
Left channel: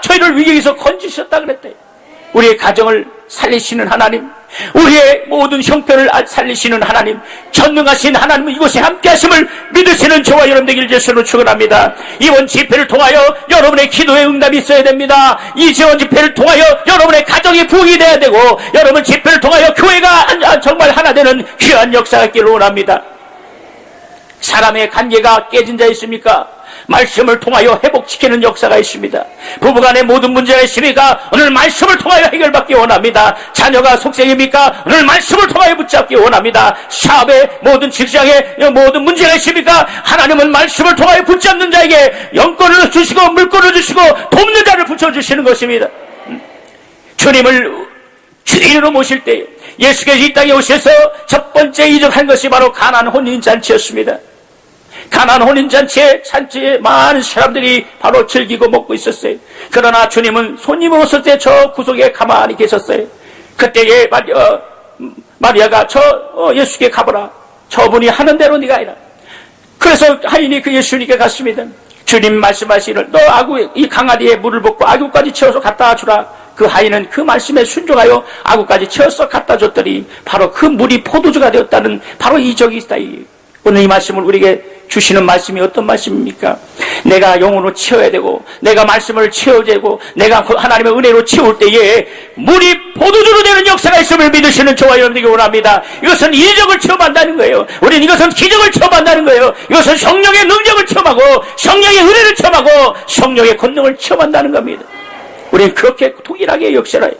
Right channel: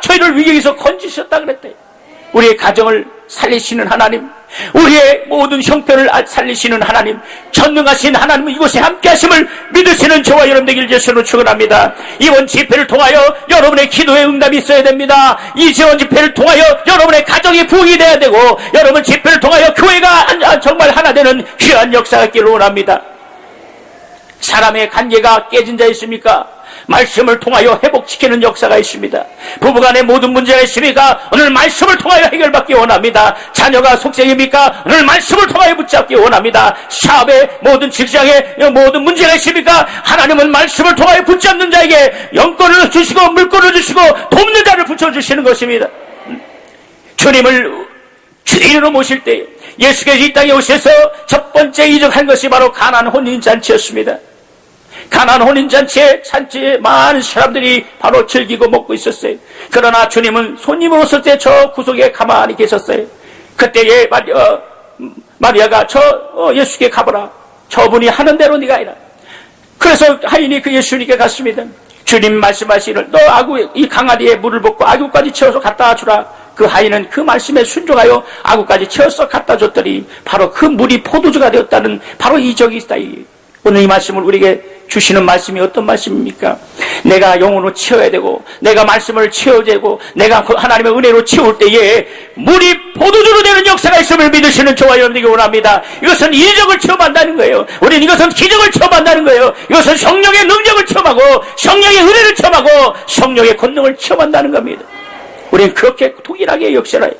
저희를 위기에서 건지셨다 그랬대요. 우리의 가정을 살리시는 하나님, 우리의 모든 형편을 살리시는 하나님, 전능하신 하나님은 이곳에 함께 하심을 믿으시는 저와 여러분에게 예수로 축원합니다. 이번 집회를 통하여 여러분의 기도에 응답이 있어야 됩니다. 이 지원 집회를 통하여 여러분의 가정이 부흥이 되어야 되고, 여러분 집회를 통하여 교회가 정말 하나 되는 귀한 역사가 있기를 원합니다. 사람의 관계가 깨진 자 있습니까? 말씀을 통하여 회복시키는 역사가 있습니다. 부부간의 모든 문제가 있습니까? 오늘 말씀을 통하여 해결받기 원합니다. 자녀가 속세입니까? 오늘 말씀을 통하여 붙잡기 원합니다. 사업의 모든 직장의 모든 문제가 있습니까? 하나님은 말씀을 통하여 붙잡는 자에게 영권을 주시고 물권을 주시고 돕는 자를 붙여주시는 것입니다. 주님을 주인으로 모실 때 예수께서 이 땅에 오셔서 첫 번째 이적한 것이 바로 가나안 혼인잔치였습니다. 가나안 혼인잔치에 산지에 많은 사람들이 바로 즐기고 먹고 있었어요. 그러나 주님은 손님으로서 저 구석에 가만히 계셨어요. 그때에 마리아가 예수께 가보라. 저분이 하는 대로 네가 해라. 그래서 하인이 그 예수님께 갔습니다. 주님 말씀하시기를 너 이 강아지에 물을 붓고 아구까지 채워서 갖다 주라. 그 하인은 그 말씀에 순종하여 아구까지 채워서 갖다 줬더니 바로 그 물이 포도주가 되었다는 바로 이적이 있다. 오늘 이 말씀을 우리에게 주시는 말씀이 어떤 말씀입니까? 내가 영으로 채워야 되고 내가 말씀을 채워야 되고 내가 하나님의 은혜로 채울 때에 물이 포도주로 되는 역사가 있음을 믿으시는 저와 여러분에게 원합니다. 이것은 이적을 체험한다는 거예요. 우리는 이것은 기적을 체험한다는 거예요. 이것은 성령의 능력을 체험하고 성령의 은혜를 체험하고 성령의 권능을 체험한다는 겁니다. 우리는 그렇게 동일하게 역사를 해요.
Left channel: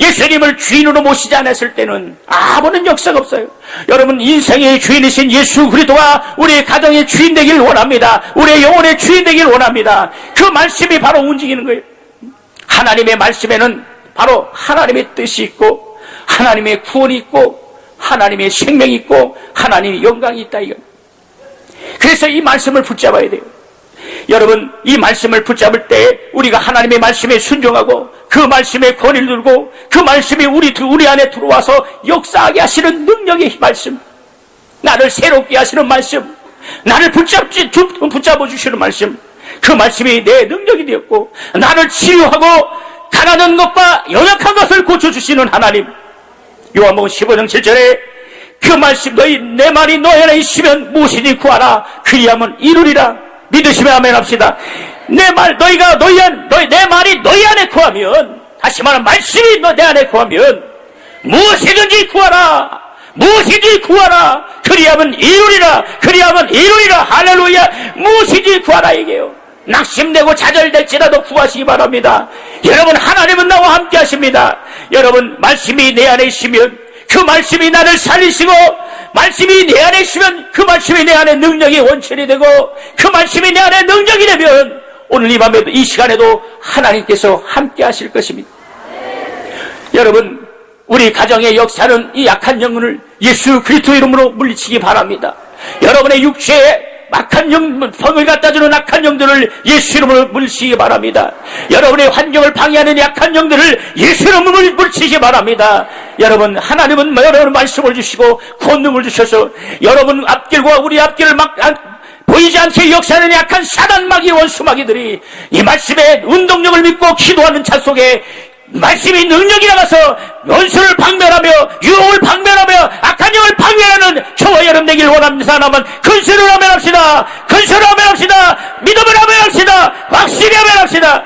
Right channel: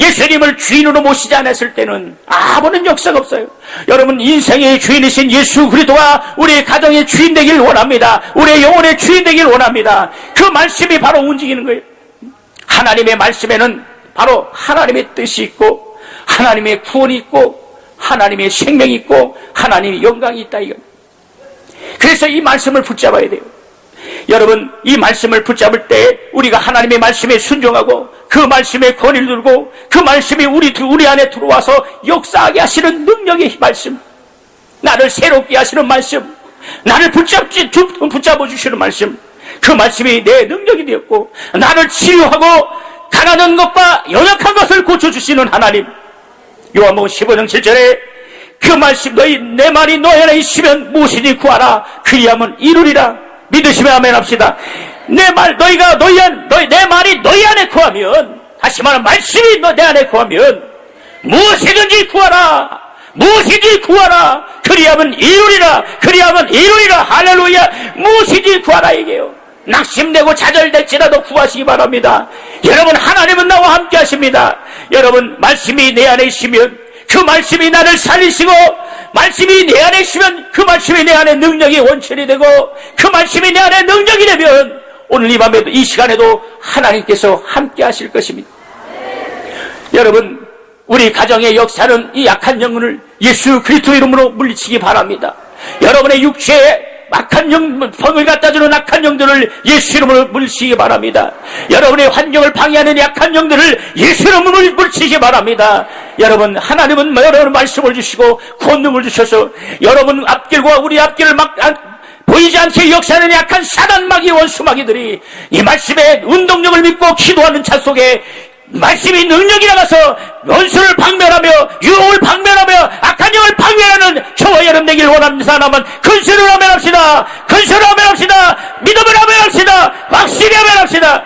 예수님을 주인으로 모시지 않았을 때는 아무런 역사가 없어요. 여러분 인생의 주인이신 예수 그리스도가 우리의 가정의 주인 되기를 원합니다. 우리의 영혼의 주인 되기를 원합니다. 그 말씀이 바로 움직이는 거예요. 하나님의 말씀에는 바로 하나님의 뜻이 있고 하나님의 구원이 있고 하나님의 생명이 있고 하나님의 영광이 있다 이겁니다. 그래서 이 말씀을 붙잡아야 돼요. 여러분 이 말씀을 붙잡을 때 우리가 하나님의 말씀에 순종하고 그 말씀에 권위를 들고 그 말씀이 우리 안에 들어와서 역사하게 하시는 능력의 말씀, 나를 새롭게 하시는 말씀, 나를 붙잡아 주시는 말씀, 그 말씀이 내 능력이 되었고 나를 치유하고 가난한 것과 연약한 것을 고쳐주시는 하나님. 요한복음 15장 7절에 그 말씀 내 말이 너희 안에 있으면 무엇이든지 구하라 그리하면 이루리라. 믿으시면 아멘 합시다. 내 말이 너희 안에 구하면, 다시 말하면 말씀이 내 안에 구하면 무엇이든지 구하라. 무엇이든지 구하라. 그리하면 이루리라. 그리하면 이루리라. 할렐루야. 무엇이든지 구하라 이게요. 낙심되고 좌절될지라도 구하시기 바랍니다. 여러분 하나님은 나와 함께 하십니다. 여러분 말씀이 내 안에 있으면 그 말씀이 나를 살리시고 말씀이 내 안에 있으면 그 말씀이 내 안에 능력이 원천이 되고 그 말씀이 내 안에 능력이 되면 오늘 이 밤에도 이 시간에도 하나님께서 함께 하실 것입니다. 여러분 우리 가정의 역사는 이 약한 영혼을 예수 그리스도 이름으로 물리치기 바랍니다. 여러분의 육체에 악한 영, 병을 갖다 주는 악한 영들을 예수 이름으로 물리치기 바랍니다. 여러분의 환경을 방해하는 약한 영들을 예수 이름으로 물리치기 바랍니다. 여러분 하나님은 여러분 말씀을 주시고 권능을 주셔서 여러분 앞길과 우리 앞길을 보이지 않게 역사하는 약한 사단마귀 원수마귀들이 이 말씀의 운동력을 믿고 기도하는 차 속에 말씀이 능력이 나가서 원수를 방면하며 유혹을 방면하며 악한 영을 방면하는 저와 여러분 되길 원합니다. 하나만 근수를 아멘합시다. 근수를 아멘합시다. 믿음을 아멘합시다. 확실히 아멘합시다.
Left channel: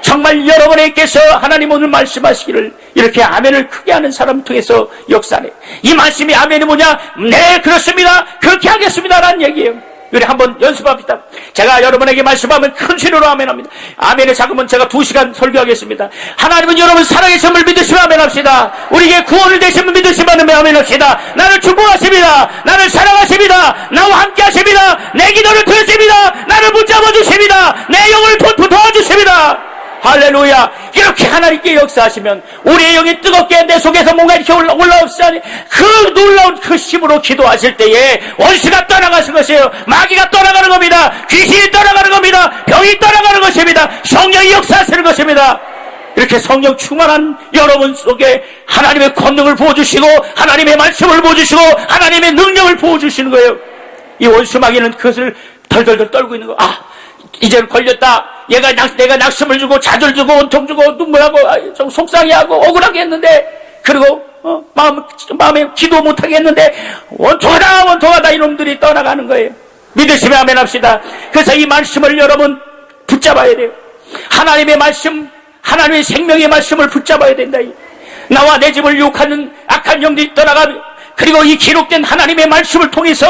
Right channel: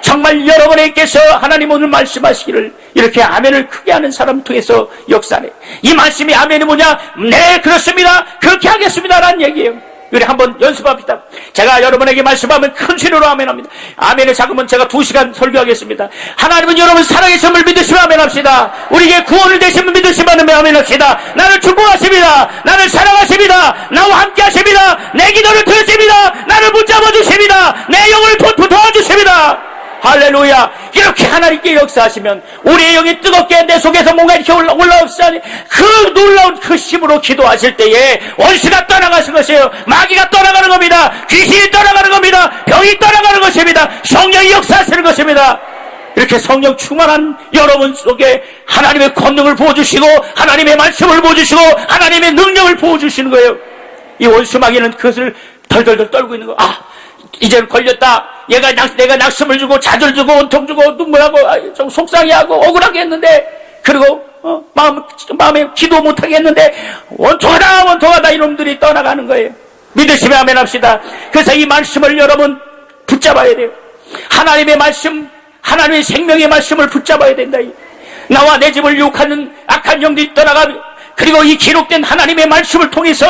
정말 여러분에게서 하나님 오늘 말씀하시기를 이렇게 아멘을 크게 하는 사람 통해서 역사하네. 이 말씀이 아멘이 뭐냐? 네 그렇습니다. 그렇게 하겠습니다 라는 얘기예요. 우리 한번 연습합시다. 제가 여러분에게 말씀하면 큰 신으로 아멘합니다. 아멘을 작으면 제가 2시간 설교하겠습니다. 하나님은 여러분 살아계심을 믿으시면 아멘합시다. 우리에게 구원을 되시면 믿으시면 아멘합시다. 나를 축복하십니다. 나를 사랑하십니다. 나와 함께 하십니다. 내 기도를 들으십니다. 나를 붙잡아 주십니다. 내 영을 도와 주십니다. 할렐루야. 이렇게 하나님께 역사하시면 우리의 영이 뜨겁게 내 속에서 뭔가 이렇게 올라옵시다니 그 놀라운 그 힘으로 기도하실 때에 원수가 떠나가는 것이에요. 마귀가 떠나가는 겁니다. 귀신이 떠나가는 겁니다. 병이 떠나가는 것입니다. 성령이 역사하시는 것입니다. 이렇게 성령 충만한 여러분 속에 하나님의 권능을 부어주시고 하나님의 말씀을 부어주시고 하나님의 능력을 부어주시는 거예요. 이 원수 마귀는 그것을 덜덜덜 떨고 있는 거예요. 이제는 걸렸다. 내가 낙심을 주고 좌절 주고 원통 주고 눈물하고 좀 속상해하고 억울하게 했는데 그리고 마음에 기도 못하게 했는데 원통하다 이놈들이 떠나가는 거예요. 믿으시면 아멘 합시다. 그래서 이 말씀을 여러분 붙잡아야 돼요. 하나님의 말씀, 하나님의 생명의 말씀을 붙잡아야 된다. 나와 내 집을 유혹하는 악한 영들이 떠나가고 그리고 이 기록된 하나님의 말씀을 통해서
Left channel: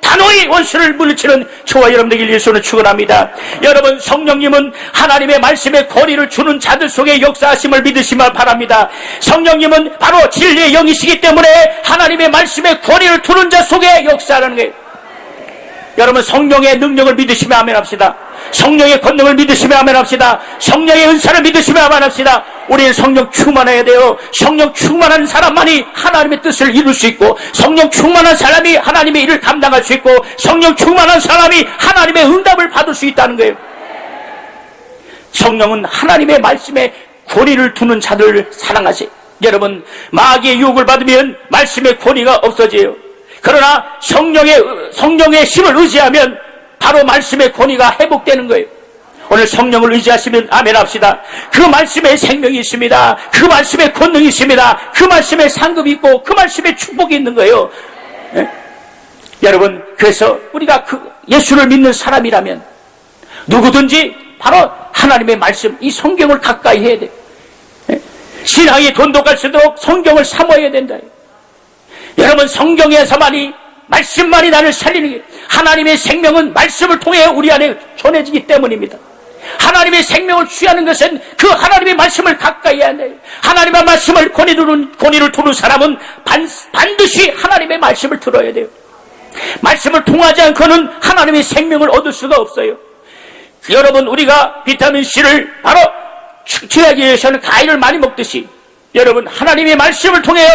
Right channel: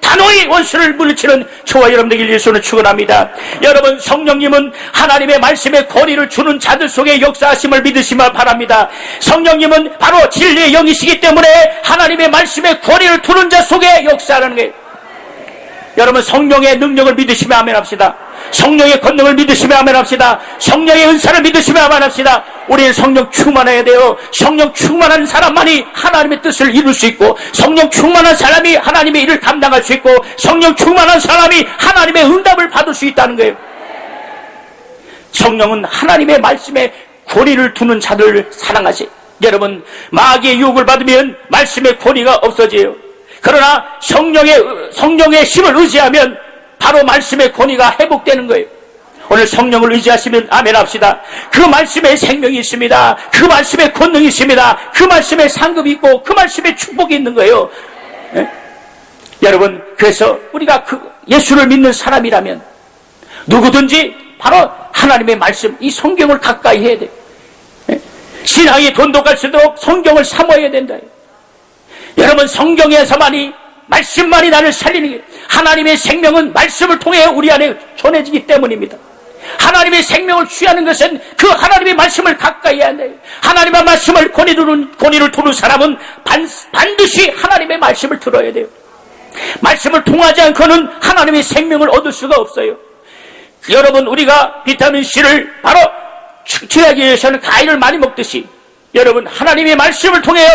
다 단호히 원수를 물리치는 저와 여러분들 예수는 축원합니다. 여러분, 성령님은 하나님의 말씀에 권위를 주는 자들 속에 역사하심을 믿으시길 바랍니다. 성령님은 바로 진리의 영이시기 때문에 하나님의 말씀에 권위를 두는 자 속에 역사하는 거예요. 여러분, 성령의 능력을 믿으시면 아멘 합시다. 성령의 권능을 믿으시면 아멘 합시다. 성령의 은사를 믿으시면 아멘 합시다. 우리는 성령 충만해야 돼요. 성령 충만한 사람만이 하나님의 뜻을 이룰 수 있고, 성령 충만한 사람이 하나님의 일을 감당할 수 있고, 성령 충만한 사람이 하나님의 응답을 받을 수 있다는 거예요. 성령은 하나님의 말씀에 권위를 두는 자들을 사랑하시. 여러분, 마귀의 유혹을 받으면 말씀의 권위가 없어져요. 그러나 성령의 힘을 의지하면 바로 말씀의 권위가 회복되는 거예요. 오늘 성령을 의지하시면 아멘 합시다. 그 말씀에 생명이 있습니다. 그 말씀에 권능이 있습니다. 그 말씀에 상급이 있고 그 말씀에 축복이 있는 거예요. 네? 여러분, 그래서 우리가 그 예수를 믿는 사람이라면 누구든지 바로 하나님의 말씀, 이 성경을 가까이 해야 돼. 네? 신앙이 돈독할수록 성경을 사모해야 된다. 여러분, 성경에서만이 말씀만이 나를 살리는 게, 하나님의 생명은 말씀을 통해 우리 안에 전해지기 때문입니다. 하나님의 생명을 취하는 것은 그 하나님의 말씀을 가까이 해야 돼요. 하나님의 말씀을 권위를 두는 사람은 반드시 하나님의 말씀을 들어야 돼요. 말씀을 통하지 않고는 하나님의 생명을 얻을 수가 없어요. 여러분, 우리가 비타민C를 바로 충치하기 위해서는 과일을 많이 먹듯이, 여러분, 하나님의 말씀을 통해요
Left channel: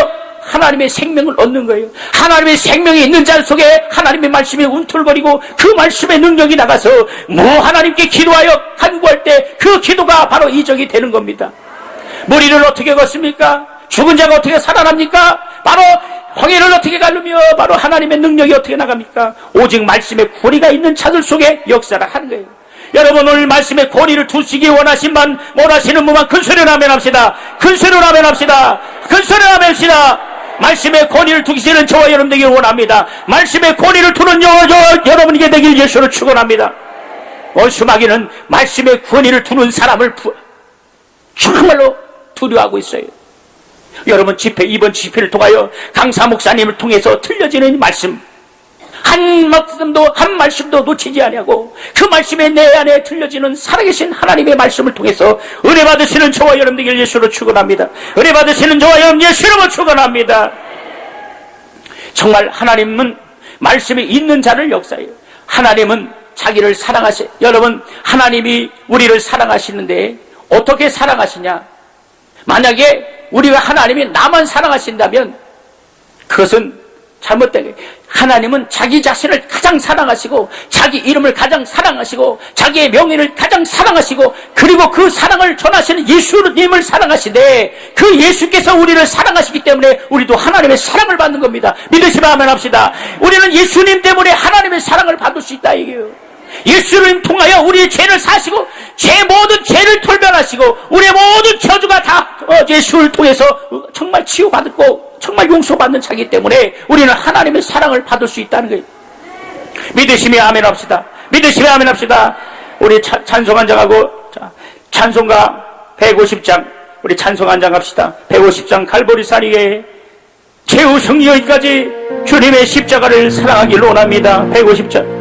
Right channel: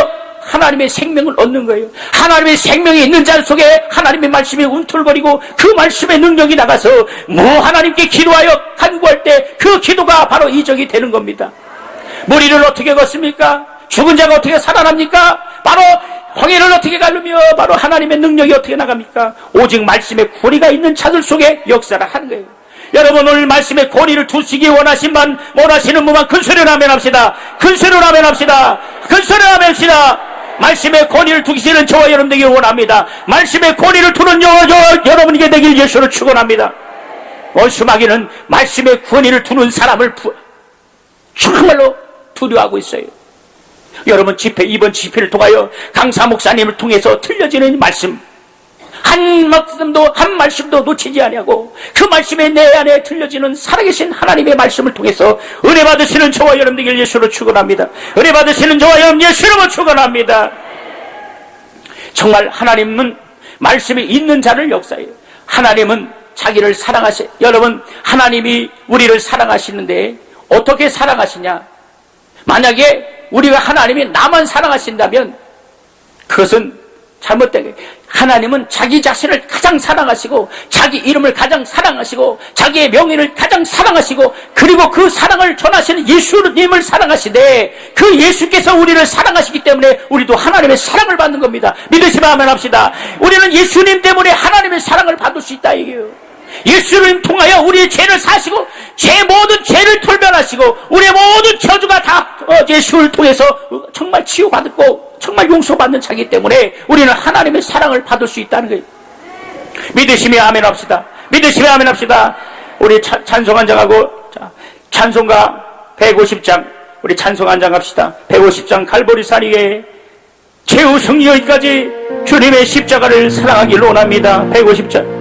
하나님의 생명을 얻는 거예요. 하나님의 생명이 있는 자 속에 하나님의 말씀이 움틀거리고 그 말씀의 능력이 나가서 하나님께 기도하여 간구할 때 그 기도가 바로 이적이 되는 겁니다. 머리를 어떻게 걷습니까? 죽은 자가 어떻게 살아납니까? 바로 황해를 어떻게 가르며 바로 하나님의 능력이 어떻게 나갑니까? 오직 말씀의 권위가 있는 자들 속에 역사를 하는 거예요. 여러분, 오늘 말씀의 권위를 두시기 원하시는 분만 큰 소리를 아멘 합시다. 큰 소리를 아멘 합시다. 큰 소리를 아멘 합시다. 말씀의 권위를 두시는 저와 여러분에게 원합니다. 말씀의 권위를 두는 여러분에게 되길 예수를 축원합니다. 원수마귀는 말씀의 권위를 두는 사람을 정말로 두려워하고 있어요. 여러분, 이번 집회를 통하여 강사 목사님을 통해서 들려지는 말씀, 한 말씀도 놓치지 아니하고 그 말씀에 내 안에 들려지는 살아계신 하나님의 말씀을 통해서 은혜 받으시는 저와 여러분들 예수를 축원합니다. 은혜 받으시는 저와 여러분 예수를 축원합니다. 정말 하나님은 말씀이 있는 자를 역사해요. 하나님은 자기를 사랑하세요. 여러분, 하나님이 우리를 사랑하시는데 어떻게 사랑하시냐? 만약에 우리가 하나님이 나만 사랑하신다면 그것은 잘못된 거예요. 하나님은 자기 자신을 가장 사랑하시고 자기 이름을 가장 사랑하시고 자기의 명예를 가장 사랑하시고 그리고 그 사랑을 전하시는 예수님을 사랑하시되 그 예수께서 우리를 사랑하시기 때문에 우리도 하나님의 사랑을 받는 겁니다. 믿으시면 아멘 합시다. 우리는 예수님 때문에 하나님의 사랑을 받을 수 있다 이게요. 예수를 통하여 우리의 죄를 사시고 제 모든 죄를 돌변하시고 우리의 모든 저주가 다 예수를 통해서 정말 치유받고 정말 용서받는 자이기 때문에 우리는 하나님의 사랑을 받을 수 있다는 거예요. 믿으시면 아멘 합시다. 믿으시면 아멘 합시다. 우리 찬송 한 장하고 찬송가 150장 우리 찬송 한 장 합시다. 150장 갈보리산 위에 최후 승리 여기까지 주님의 십자가를 사랑하기를 원합니다. 150장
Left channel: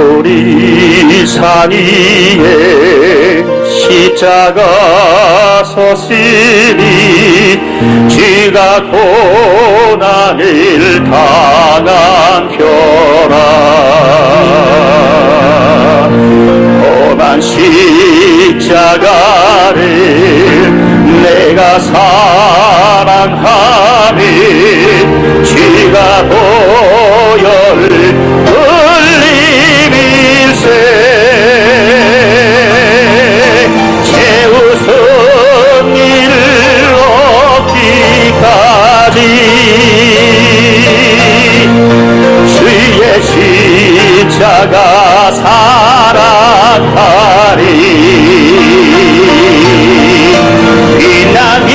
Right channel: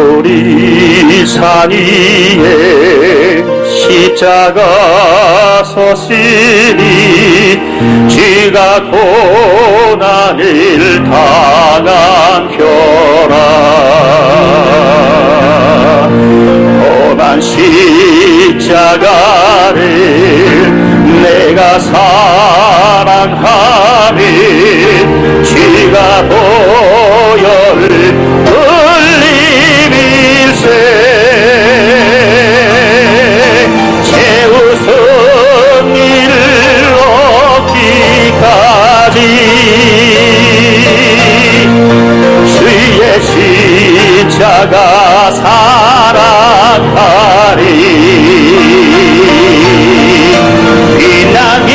갈보리산 위에 십자가 서시니 지가 고난을 당하셔라 고난 십자가를 내가 사랑하며 지가 보혈을 흘리밀세 최우선 일을 얻기까지 주의 십자가 사랑하리 빛나며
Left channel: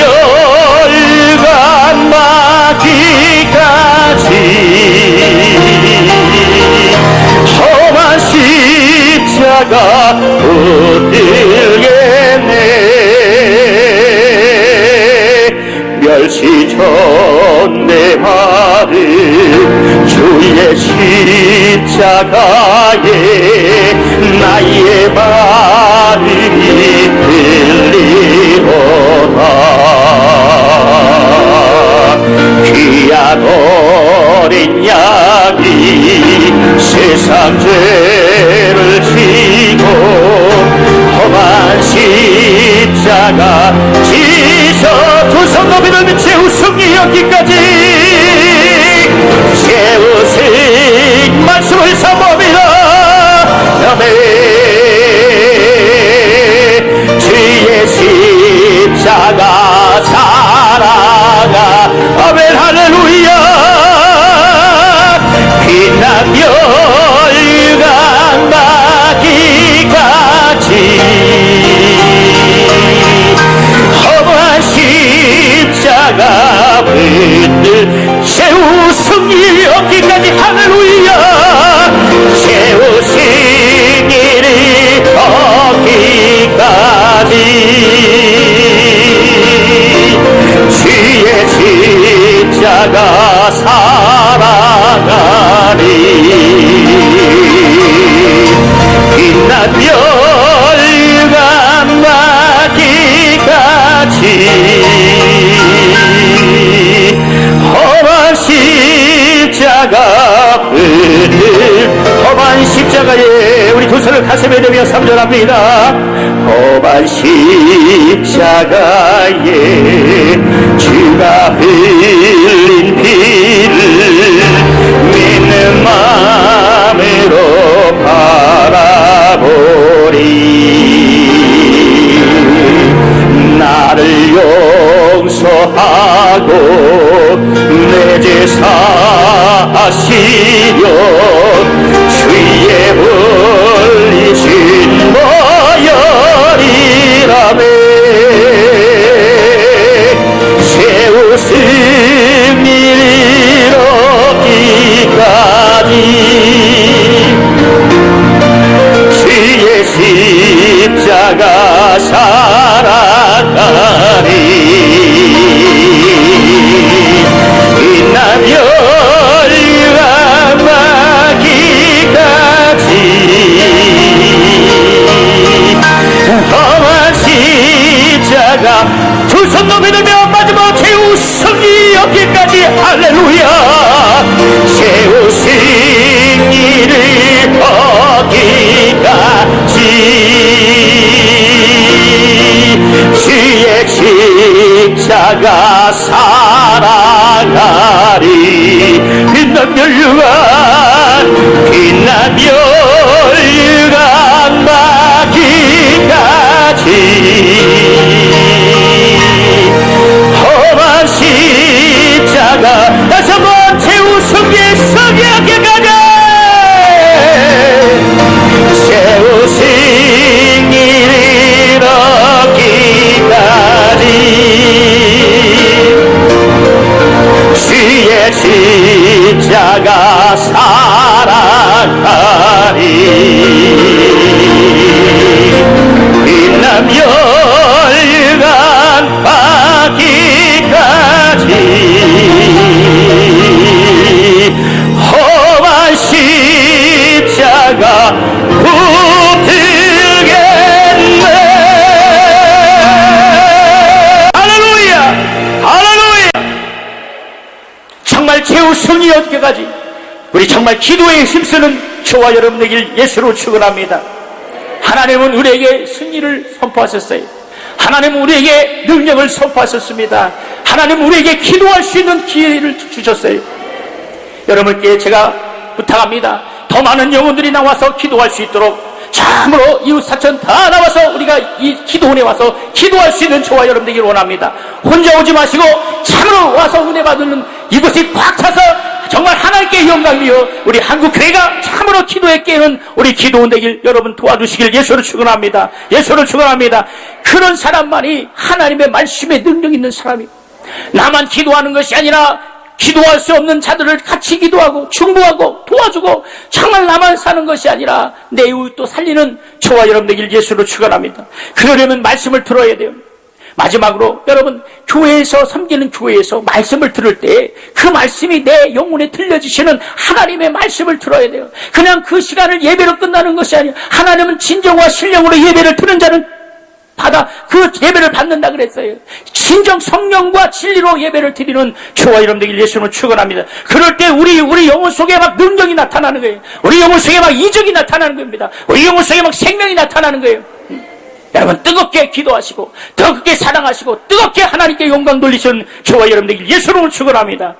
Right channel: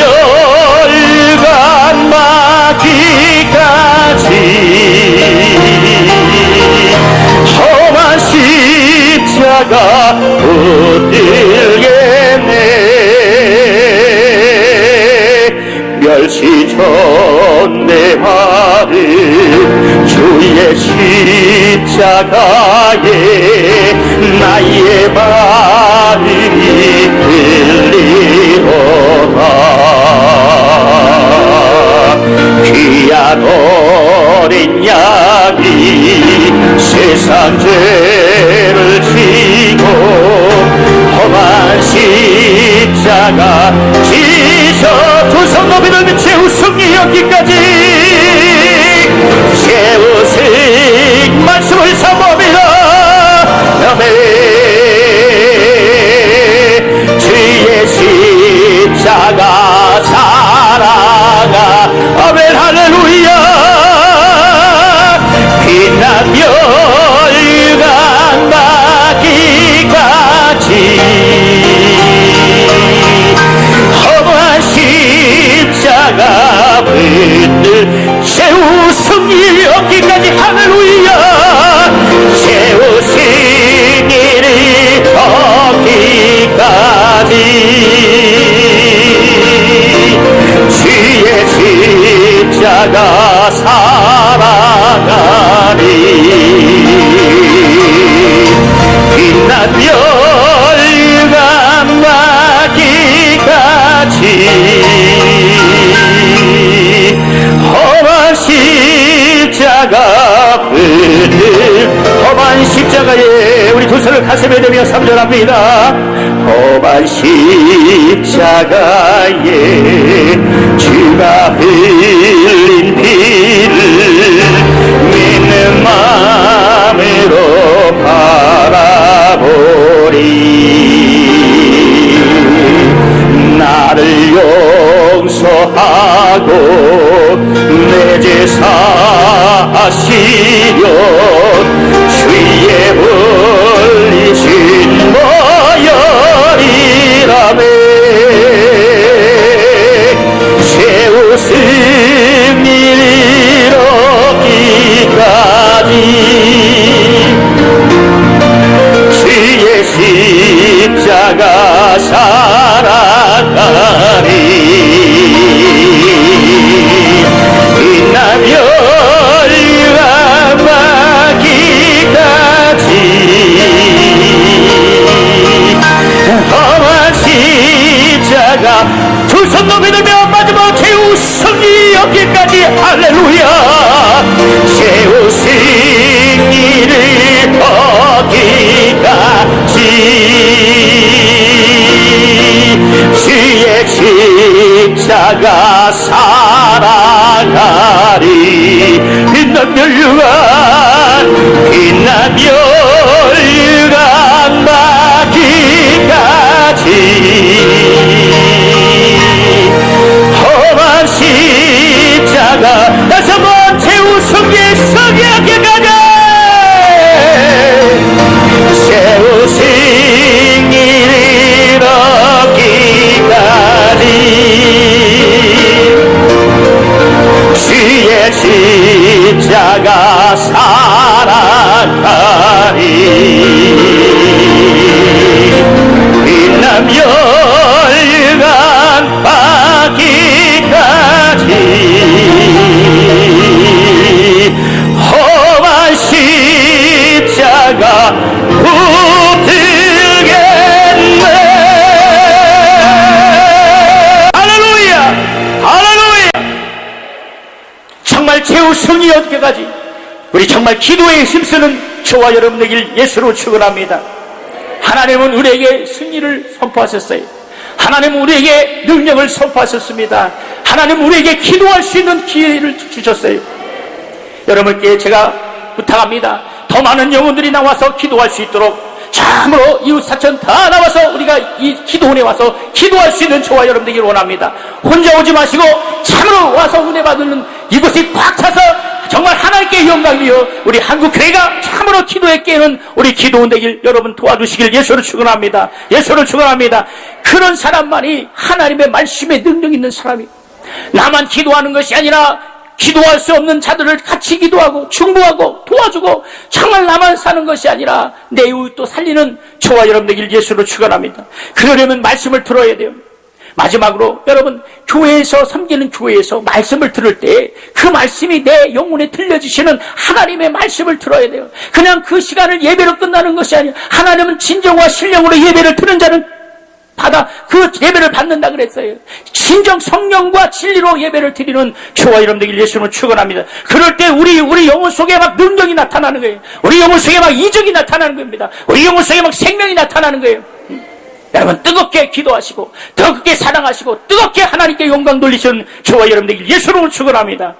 험한 십자가 붙들겠네. 멸시전 내 발을 주의 십자가에 나의 마음이 들리로다. 귀한 어린 양이 세상 죄를 지고 험한 십자가 지셔 두 손 높이는 최후 승리 여기까지 최후 승리 말씀을 삼으리라. 아멘. 주의 십자가 사랑아 아멘 할렐루야. 빛나며 일어나기까지 험한 십자가 붙들 최후 승리 얻기까지 할렐루야. 최후 승리를 얻기까지 주의 십자가 살아가리. 빛나며 일어나기까지 험한 십자가 붙들 험한 십자가에 우리 두 손을 가슴에 대며 삼전합니다. 험한 십자가에 주가 흘린 피를 믿는 마음으로 바라보리. 나를 용서하고 내 죄 사하시려 주의 불리신 모여리라매. 최후 승리를 얻기까지 주의 십자가 살아가리. 빛나며 일어나기까지 험한 십자가 두 손 넘어들며 마지막 최후 승리 얻기까지 할렐루야. 최후 승리를 얻기까지 주의 십자가 살아가리. 빛나며 일어나기까지 험한 십자가 다시 한번 최후 승리하기까지 최후 승리를 얻기까지 주의 십자가 살아가리. 빛나며 일어나기까지 험한 십자가 붙들겠네. 할렐루야 할렐루야. 정말 최후 승리 얻기까지 우리 정말 기도에 힘쓰는 저와 여러분 되길 예수로 축원합니다. 하나님은 우리에게 승리를 선포하셨어요. 하나님은 우리에게 능력을 선포하셨습니다. 하나님은 우리에게 기도할 수 있는 기회를 주셨어요. 여러분께 제가 부탁합니다. 더 많은 영혼들이 나와서 기도할 수 있도록 참으로 이웃사촌 다 나와서 우리가 이 기도원에 와서 기도할 수 있는 저와 여러분 되기를 원합니다. 혼자 오지 마시고 참으로 와서 은혜 받는 이것이 꽉 차서 정말 하나님께 영광이여 우리 한국교회가 참으로 기도에 깨는 우리 기도원 되길 여러분 도와주시길 예수로 축원합니다. 예수로 축원합니다. 그런 사람만이 하나님의 말씀에 능력 있는 사람이 나만 기도하는 것이 아니라 기도할 수 없는 자들을 같이 기도하고 충고하고 도와주고 정말 나만 사는 것이 아니라 내 이웃도 살리는 저와 여러분 되길 예수로 축원합니다. 그러려면 말씀을 들어야 돼요. 마지막으로 여러분, 교회에서 섬기는 교회에서 말씀을 들을 때 그 말씀이 내 영혼에 들려주시는 하나님의 말씀을 들어야 돼요. 그냥 그 시간을 예배로 끝나는 것이 아니에요. 하나님은 진정과 신령으로 예배를 드는 자는 그 예배를 받는다 그랬어요. 진정 성령과 진리로 예배를 드리는 저와 여러분들 예수는 축원합니다. 그럴 때 우리 영혼 속에 막 능력이 나타나는 거예요. 우리 영혼 속에 막 이적이 나타나는 겁니다. 우리 영혼 속에 막 생명이 나타나는 거예요. 여러분, 뜨겁게 기도하시고 뜨겁게 사랑하시고 뜨겁게 하나님께 영광 돌리시는 저와 여러분들 예수를 축원합니다.